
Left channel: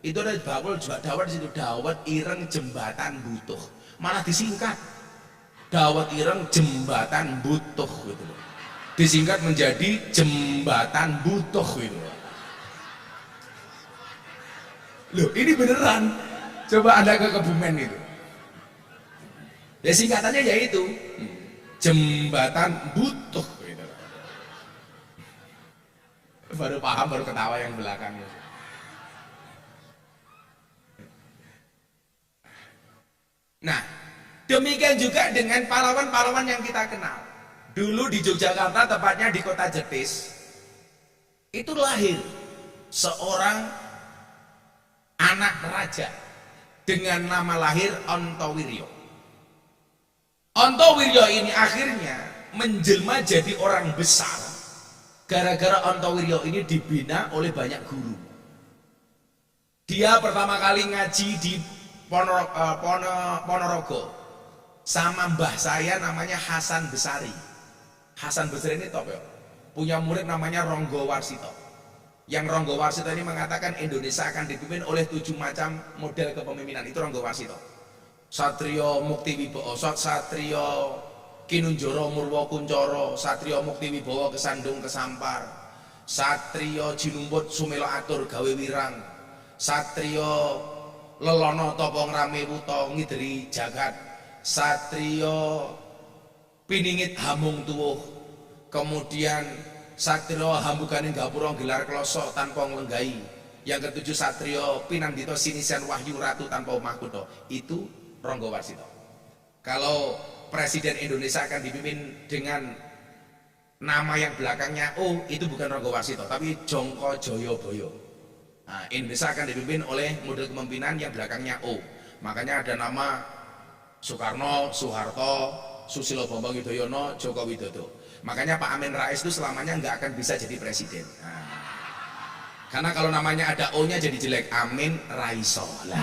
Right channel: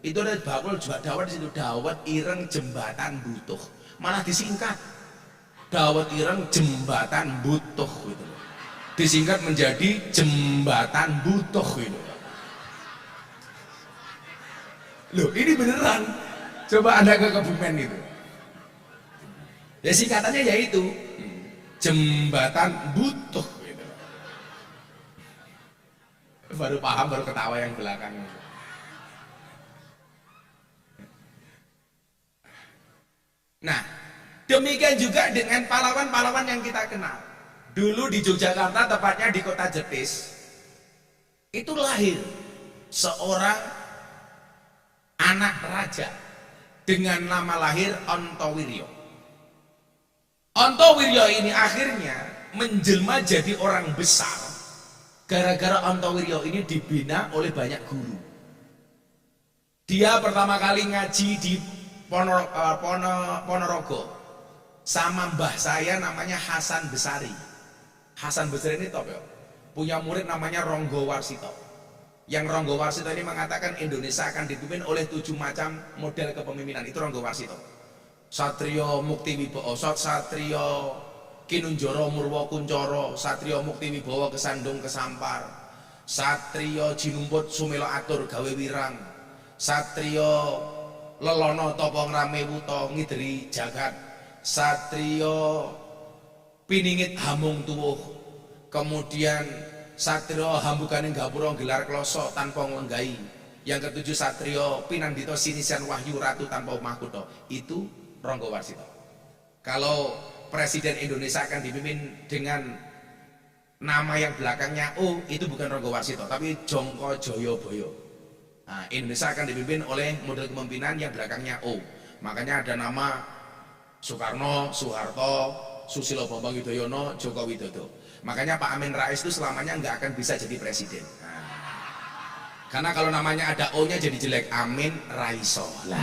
Itu ada bakul dawet di situ, dawet ireng Jembatan Butuh. Malah disingkat, dawet ireng Jembatan Butuh gitu loh. Disingkat menjadi Jembatan Butuh gitu. Loh, ini beneran. Coba Anda ke Kebumen itu. Ya singkatannya yaitu Jembatan Butuh. Baru paham, baru ketawa yang belakang. Nah, demikian juga dengan pahlawan-pahlawan yang kita kenal. Dulu di Yogyakarta, tepatnya di kota Jetis, itu lahir seorang anak raja dengan nama lahir Ontowiryo. Ontowiryo ini akhirnya menjelma jadi orang besar gara-gara Ontowiryo ini dibina oleh banyak guru. Dia pertama kali ngaji di Ponorogo sama mbah saya namanya Hasan Besari. Hasan Besari ini top ya. Punya murid namanya Ronggo Warsito. Yang Ronggo Warsito ini mengatakan Indonesia akan dipimpin oleh 7 macam model kepemimpinan. Itu Ronggo Warsito. Satrio Mukti Wibowo, Satrio Kinunjoro Murwo Kuncoro, Satrio Mukti Wibowo Kesandung Kesampar, Satrio Jinumput Sumelo Atur Gawe Wirang, Satrio Lelono Topo Ngrame Wuto Ngideri Jagat, Satrio Piningit Hamung Tuwuh, kemudian Satrio Hambukaning Gapura gelar kloso tanpa nglenggai, yang ketujuh Satrio Pinandito Sinisian Wahyu Ratu tanpa mahkota. Itu Ronggo Warsito. Kalau Presiden Indonesia akan dipimpin dengan nama yang belakangnya O, itu bukan Ronggo Warsito, tapi Jongko Joyoboyo. Nah, Indonesia akan dipimpin oleh model kepemimpinan yang belakangnya O. Makanya ada nama Soekarno, Soeharto, Susilo Bambang Yudhoyono, Joko Widodo. Makanya Pak Amin Rais itu selamanya nggak akan bisa jadi presiden. Nah, karena kalau namanya ada O-nya jadi jelek. Amin Raiso lah.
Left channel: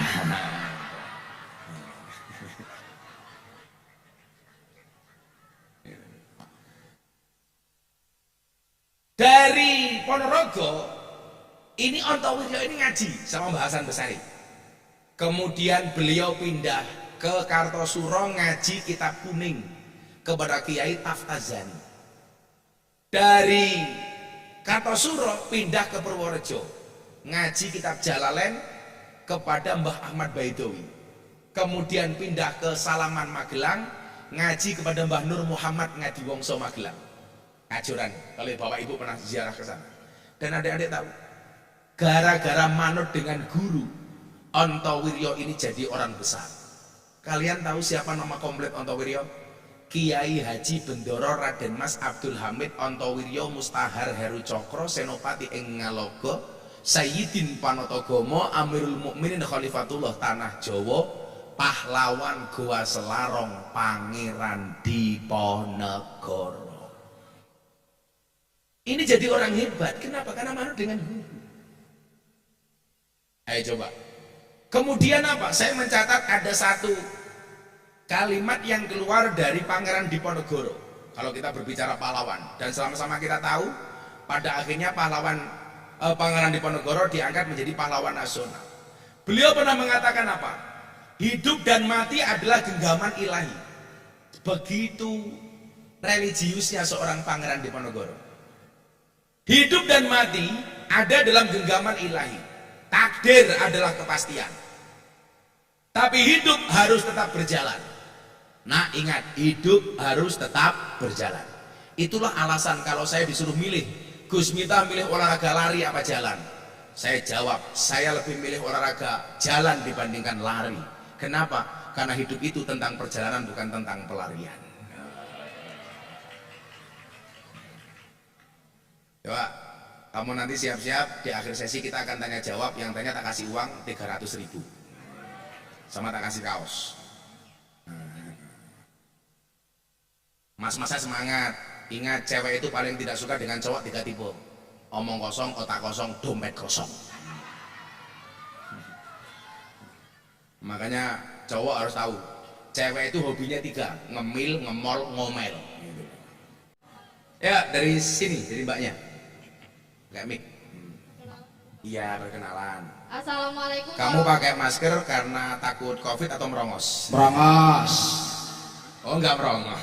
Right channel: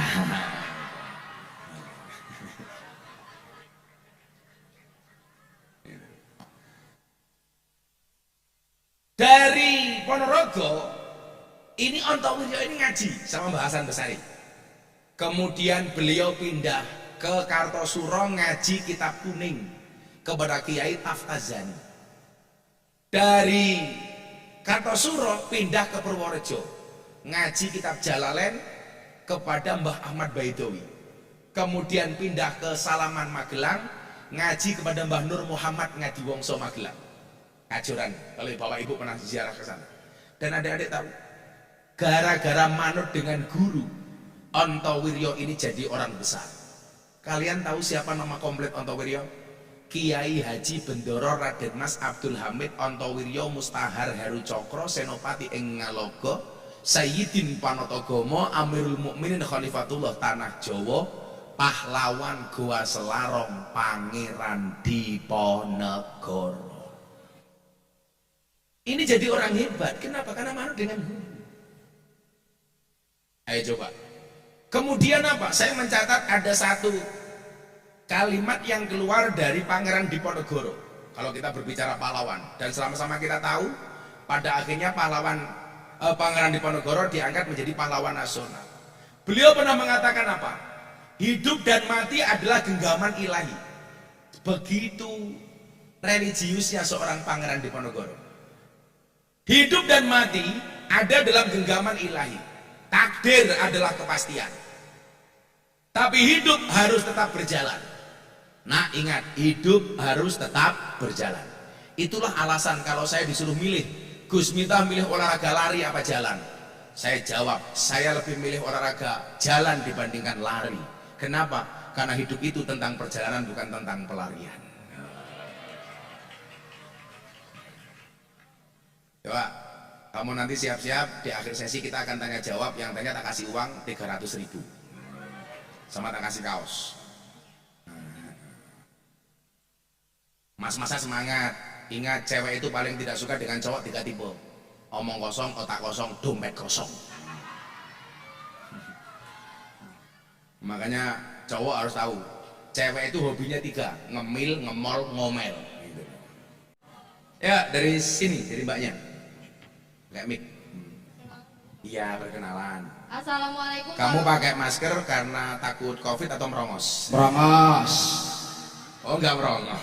Dari Ponorogo ini Ontowiryo ini ngaji sama Mbah Hasan Besari. Kemudian beliau pindah ke Kartosuro ngaji kitab kuning kepada Kiai Taftazani. Dari Kartosuro pindah ke Purworejo ngaji kitab Jalalain kepada Mbah Ahmad Baidowi. Kemudian pindah ke Salaman Magelang ngaji kepada Mbah Nur Muhammad Ngadiwongso Magelang. Kajoran, kalau bapak ibu pernah ziarah ke sana. Dan adik-adik tahu, gara-gara manut dengan guru, Ontowiryo ini jadi orang besar. Kalian tahu siapa nama komplit Ontowiryo? Kiai Haji Bendoro Raden Mas Abdul Hamid Ontowiryo Mustahar Heru Cokro Senopati ing Ngalogo Sayyidin Panotogomo Amirul Mukminin Khalifatullah Tanah Jawa Pahlawan Goa Selarong Pangeran Diponegoro. Ini jadi orang hebat. Kenapa? Karena manut dengan guru. Ayo coba. Kemudian apa? Saya mencatat ada satu kalimat yang keluar dari Pangeran Diponegoro. Kalau kita berbicara pahlawan. Dan sama-sama kita tahu, pada akhirnya Pangeran Diponegoro diangkat menjadi pahlawan nasional. Beliau pernah mengatakan apa? Hidup dan mati adalah genggaman ilahi. Begitu religiusnya seorang Pangeran Diponegoro. Hidup dan mati ada dalam genggaman ilahi. Takdir adalah kepastian. Tapi hidup harus tetap berjalan. Nah ingat, hidup harus tetap berjalan. Itulah alasan kalau saya disuruh milih, Gus Miftah milih olahraga lari apa jalan? Saya jawab, saya lebih milih olahraga jalan dibandingkan lari. Kenapa? Karena hidup itu tentang perjalanan bukan tentang pelarian. Coba, kamu nanti siap-siap di akhir sesi kita akan tanya jawab. Yang tanya tak kasih uang 300.000 sama tak kasih kaos. Mas-masa semangat. Ingat, cewek itu paling tidak suka dengan cowok 3 tipe. Omong kosong, otak kosong, dompet kosong. Makanya cowok harus tahu, cewek itu hobinya 3, ngemil, ngemol, ngomel. Ya, dari sini, dari mbaknya. Kayak mic. Iya, perkenalan. Assalamualaikum. Kamu pakai masker karena takut COVID atau merongos? Merongos. Oh, enggak merongos.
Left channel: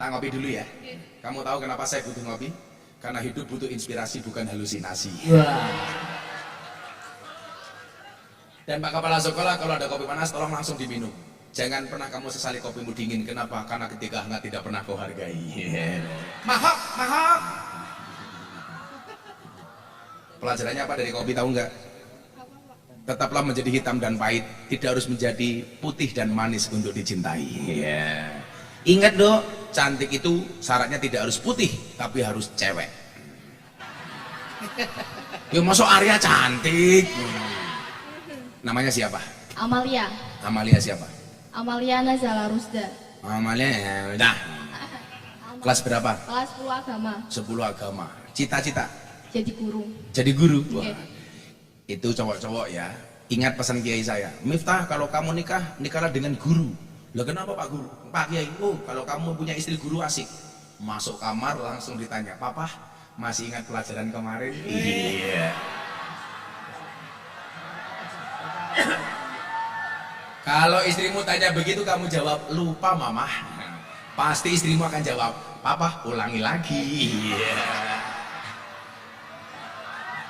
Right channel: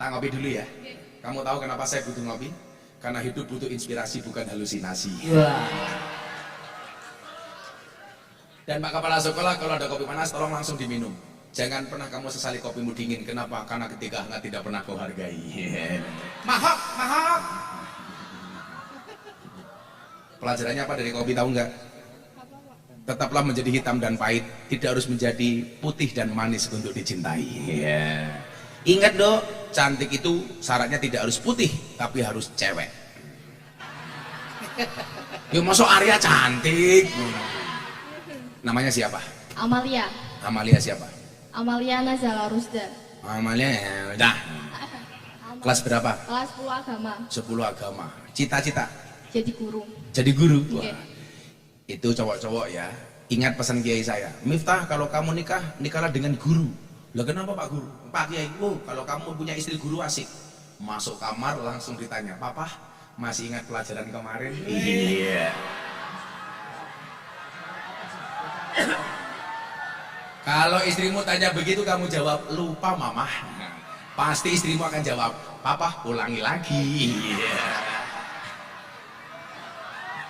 Tak ngopi dulu ya. Kamu tahu kenapa saya butuh ngopi? Karena hidup butuh inspirasi bukan halusinasi. Wah. Dan Pak Kepala Sekolah, kalau ada kopi panas tolong langsung diminum. Jangan pernah kamu sesali kopimu dingin. Kenapa? Karena ketika hangat tidak pernah kau hargai. Mahok, mahok. Pelajarannya apa dari kopi, tahu nggak? Tetaplah menjadi hitam dan pahit, tidak harus menjadi putih dan manis untuk dicintai. Ingat dong, cantik itu syaratnya tidak harus putih, tapi harus cewek. Ya masuk Arya cantik. Namanya siapa? Amalia. Amalia siapa? Amalia Nazala Rusda. Amalia ya udah. Kelas berapa? Kelas 10 agama. 10 agama. Cita-cita? Jadi guru. Jadi guru? Oke. Wah, itu cowok-cowok ya. Ingat pesan kiai saya. Miftah, kalau kamu nikah, nikahlah dengan guru. Lah kenapa Pak Guru? Pak Kiai, oh kalau kamu punya istri guru asik. Masuk kamar langsung ditanya, Papa, Masih ingat pelajaran kemarin? Iya. Kalau istrimu tanya begitu kamu jawab, lupa mama. Pasti istrimu akan jawab, papa ulangi lagi. Iya.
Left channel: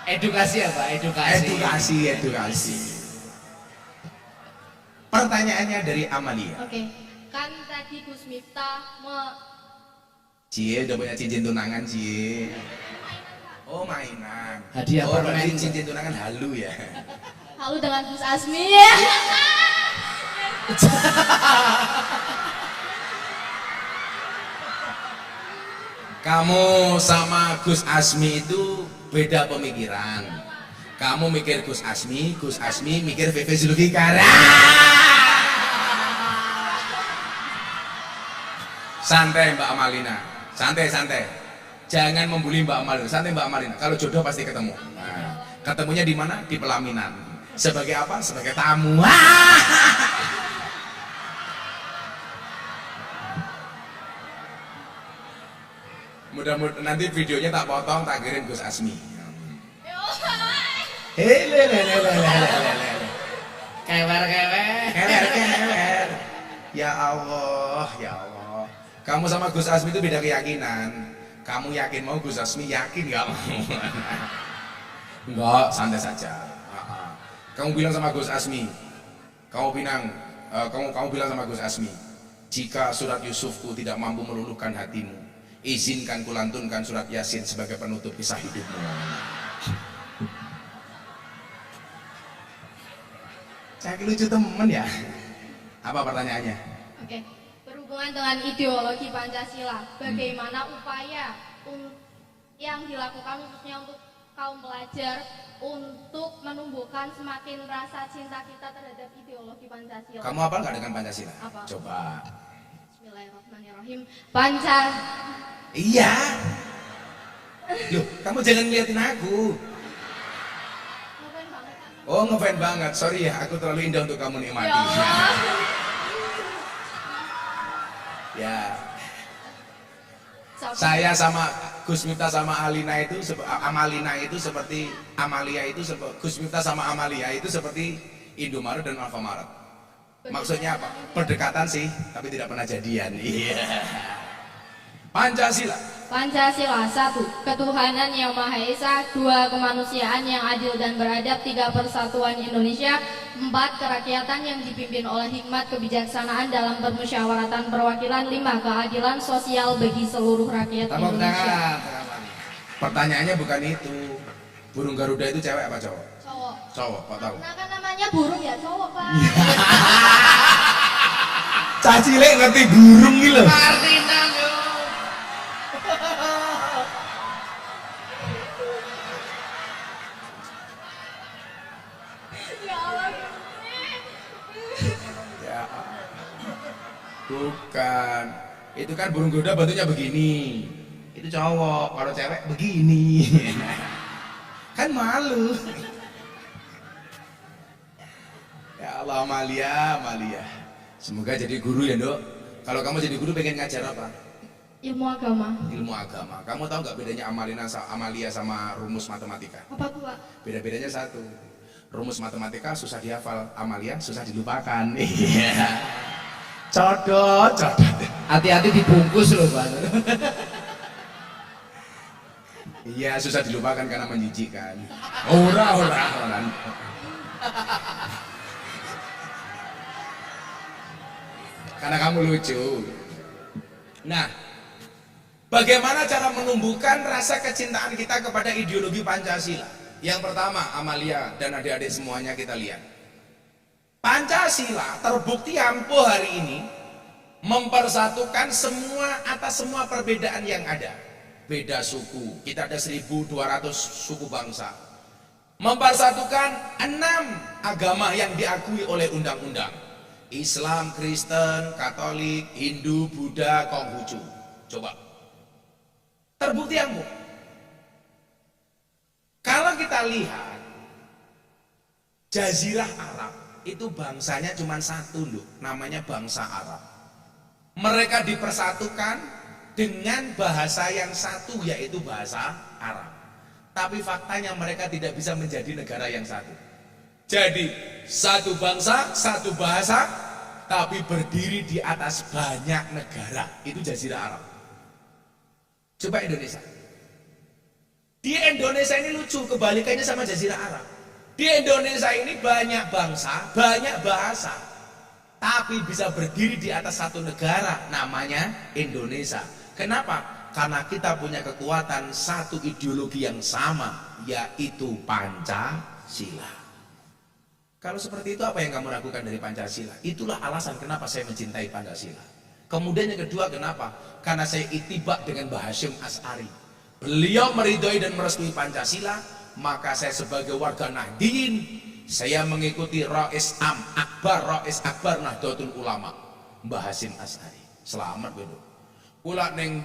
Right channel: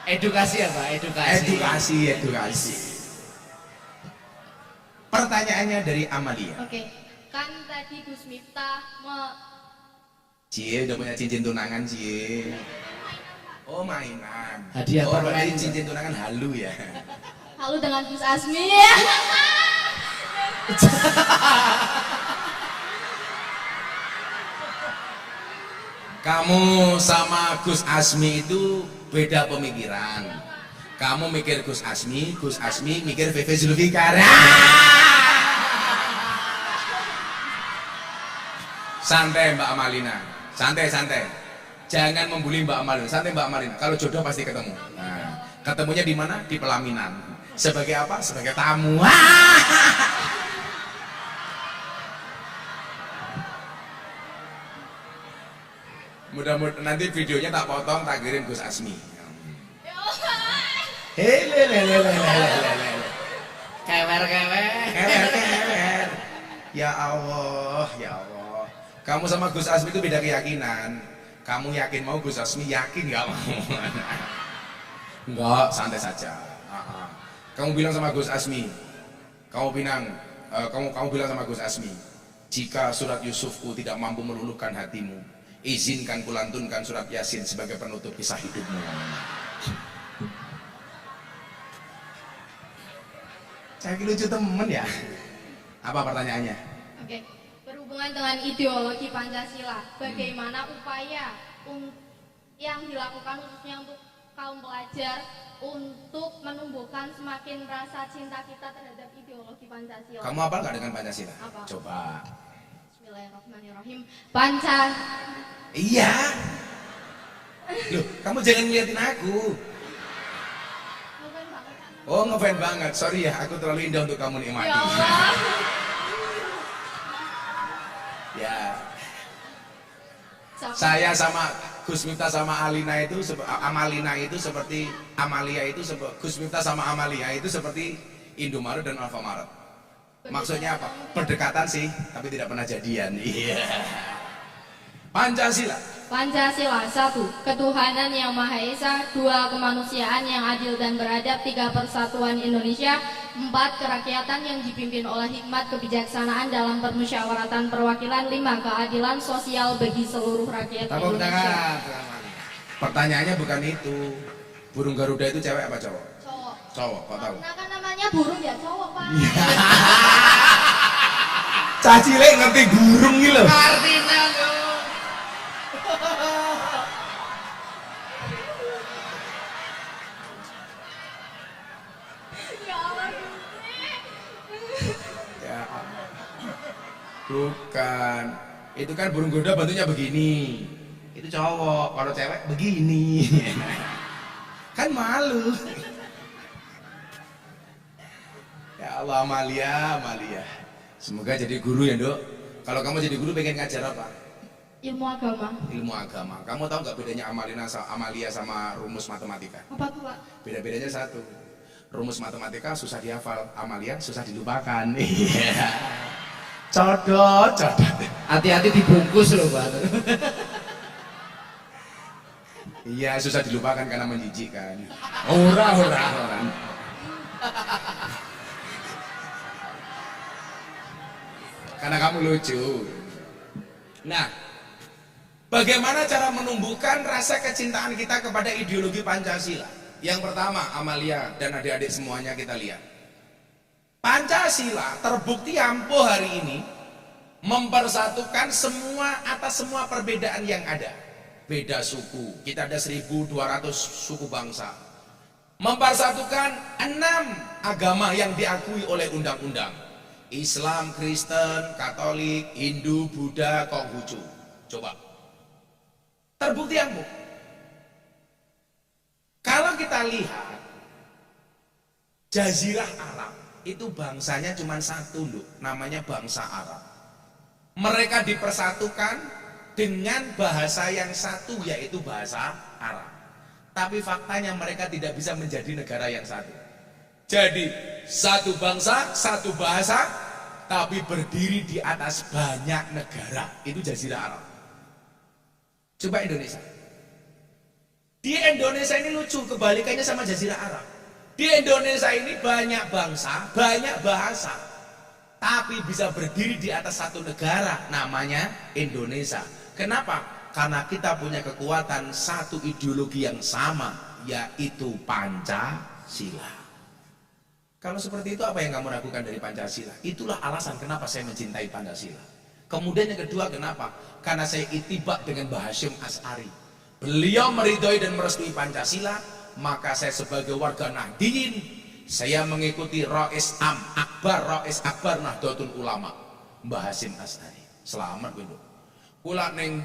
Edukasi ya Pak, Edukasi. Pertanyaannya dari Amalia. Oke. Kan tadi Gus Miftah Cie udah punya cincin tunangan Cie. Oh mainan. Hadiah permen. Berarti cincin tunangan halu ya. halu dengan Gus Asmi ya. Kamu sama Gus Asmi itu beda pemikiran. Kamu mikir Gus Asmi mikir VV Zulfikar. Santai Mbak Amalina, santai. Jangan membuli Mbak Amalina, santai Mbak Amalina. Kalau jodoh pasti ketemu. Nah, ketemunya di mana? Di pelaminan. Sebagai apa? Sebagai tamu. Mudah-mudahan nanti videonya tak potong, tak kirim Gus Asmi. Kewer. Ya Allah. Kamu sama Gus Asmi itu beda keyakinan. Kamu yakin mau, Gus Asmi yakin gak mau. Enggak, santai saja. Kamu bilang sama Gus Asmi, kamu bilang sama Gus Asmi, jika surat Yusufku tidak mampu meluluhkan hatimu, izinkan kulantunkan surat Yasin sebagai penutup kisah hidupmu. Saya lucu temen ya. Apa pertanyaannya? Oke. Berhubungan dengan ideologi Pancasila, bagaimana upaya yang dilakukan khususnya untuk kaum pelajar untuk menumbuhkan semakin rasa cinta kita terhadap ideologi Pancasila? Kamu apa nggak dengan Pancasila? Apa? Coba. Bismillahirrahmanirrahim. Iya. Loh, kamu jangan ngeliatin aku. Ngefans banget, Kak. Oh, ngefans banget. Sorry ya, aku terlalu indah untuk kamu nikmati. Ya Allah. Ya. Siapa? Saya sama Gus Miftah sama Amalina itu seperti Gus Miftah sama Amalia itu seperti Indomaret dan Alfamaret. Maksudnya apa? Berdekatan sih, tapi tidak pernah jadian. Iya. Pancasila. Pancasila 1. Ketuhanan yang Maha Esa. 2. Kemanusiaan yang adil dan beradab. 3. Persatuan Indonesia. 4. Kerakyatan yang dipimpin oleh hikmat kebijaksanaan dalam permusyawaratan perwakilan. 5. Keadilan sosial bagi seluruh rakyat Tepuk Indonesia. tangan. Pertanyaannya bukan itu. Burung Garuda itu cewek apa cowok? Cowok. Cowok, kok tahu? Karena kan namanya burung ya cowok, Pak. Cah cilik ngerti burung iki lho. Artina yo. Ya Allah, Gusti. Ya. Bukan. Itu kan burung Garuda bentuknya begini. Itu cowok, kalau cewek begini. Kan malu. Ya Allah, Amalia. Semoga jadi guru ya, Dok. Kalau kamu jadi guru pengen ngajar apa? Ilmu agama. Ilmu agama. Kamu tahu nggak bedanya Amalia sama rumus matematika? Apa tuh, Pak? Beda-bedanya satu. Rumus matematika susah dihafal, Amalia susah dilupakan. Iya. Codot. Hati-hati dibungkus loh Pak. Iya, susah dilupakan karena menjijikkan. Orang. Karena kamu lucu. Nah, bagaimana cara menumbuhkan rasa kecintaan kita kepada ideologi Pancasila? Yang pertama, Amalia dan adik-adik semuanya kita lihat. Pancasila terbukti ampuh hari ini mempersatukan semua atas semua perbedaan yang ada. Beda suku, kita ada 1.200 suku bangsa. Mempersatukan 6 agama yang diakui oleh undang-undang. Islam, Kristen, Katolik, Hindu, Buddha, Konghucu. Coba. Terbukti ampuh. Kalau kita lihat Jazirah Arab itu bangsanya cuma satu loh, namanya bangsa Arab. Mereka dipersatukan dengan bahasa yang satu, yaitu bahasa Arab. Tapi faktanya mereka tidak bisa menjadi negara yang satu. Jadi satu bangsa, satu bahasa, tapi berdiri di atas banyak negara. Itu Jazirah Arab. Coba Indonesia. Di Indonesia ini lucu, kebalikannya sama Jazirah Arab. Di Indonesia ini banyak bangsa, banyak bahasa, tapi bisa berdiri di atas satu negara, namanya Indonesia. Kenapa? Karena kita punya kekuatan satu ideologi yang sama, yaitu Pancasila. Kalau seperti itu, apa yang kamu ragukan dari Pancasila? Itulah alasan kenapa saya mencintai Pancasila. Kemudian yang kedua, kenapa? Karena saya itibak dengan Mbah Hasyim Asy'ari. Beliau meridhoi dan merestui Pancasila, maka saya sebagai warga Nahdliyin, saya mengikuti Rais Akbar Nahdlatul Ulama, Mbah Hasyim Asy'ari. Selamat kowe. Kula ning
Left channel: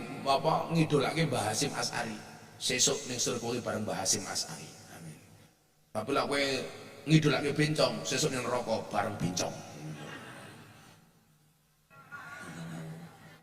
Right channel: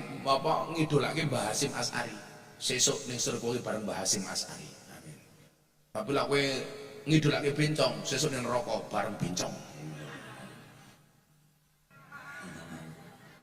ngidolake Mbah Hasyim Asy'ari. Sesuk ning surga bareng Mbah Hasyim Asy'ari. Amin. Tapi lek kowe ngidolake bencong, sesuk ning neraka bareng bencong.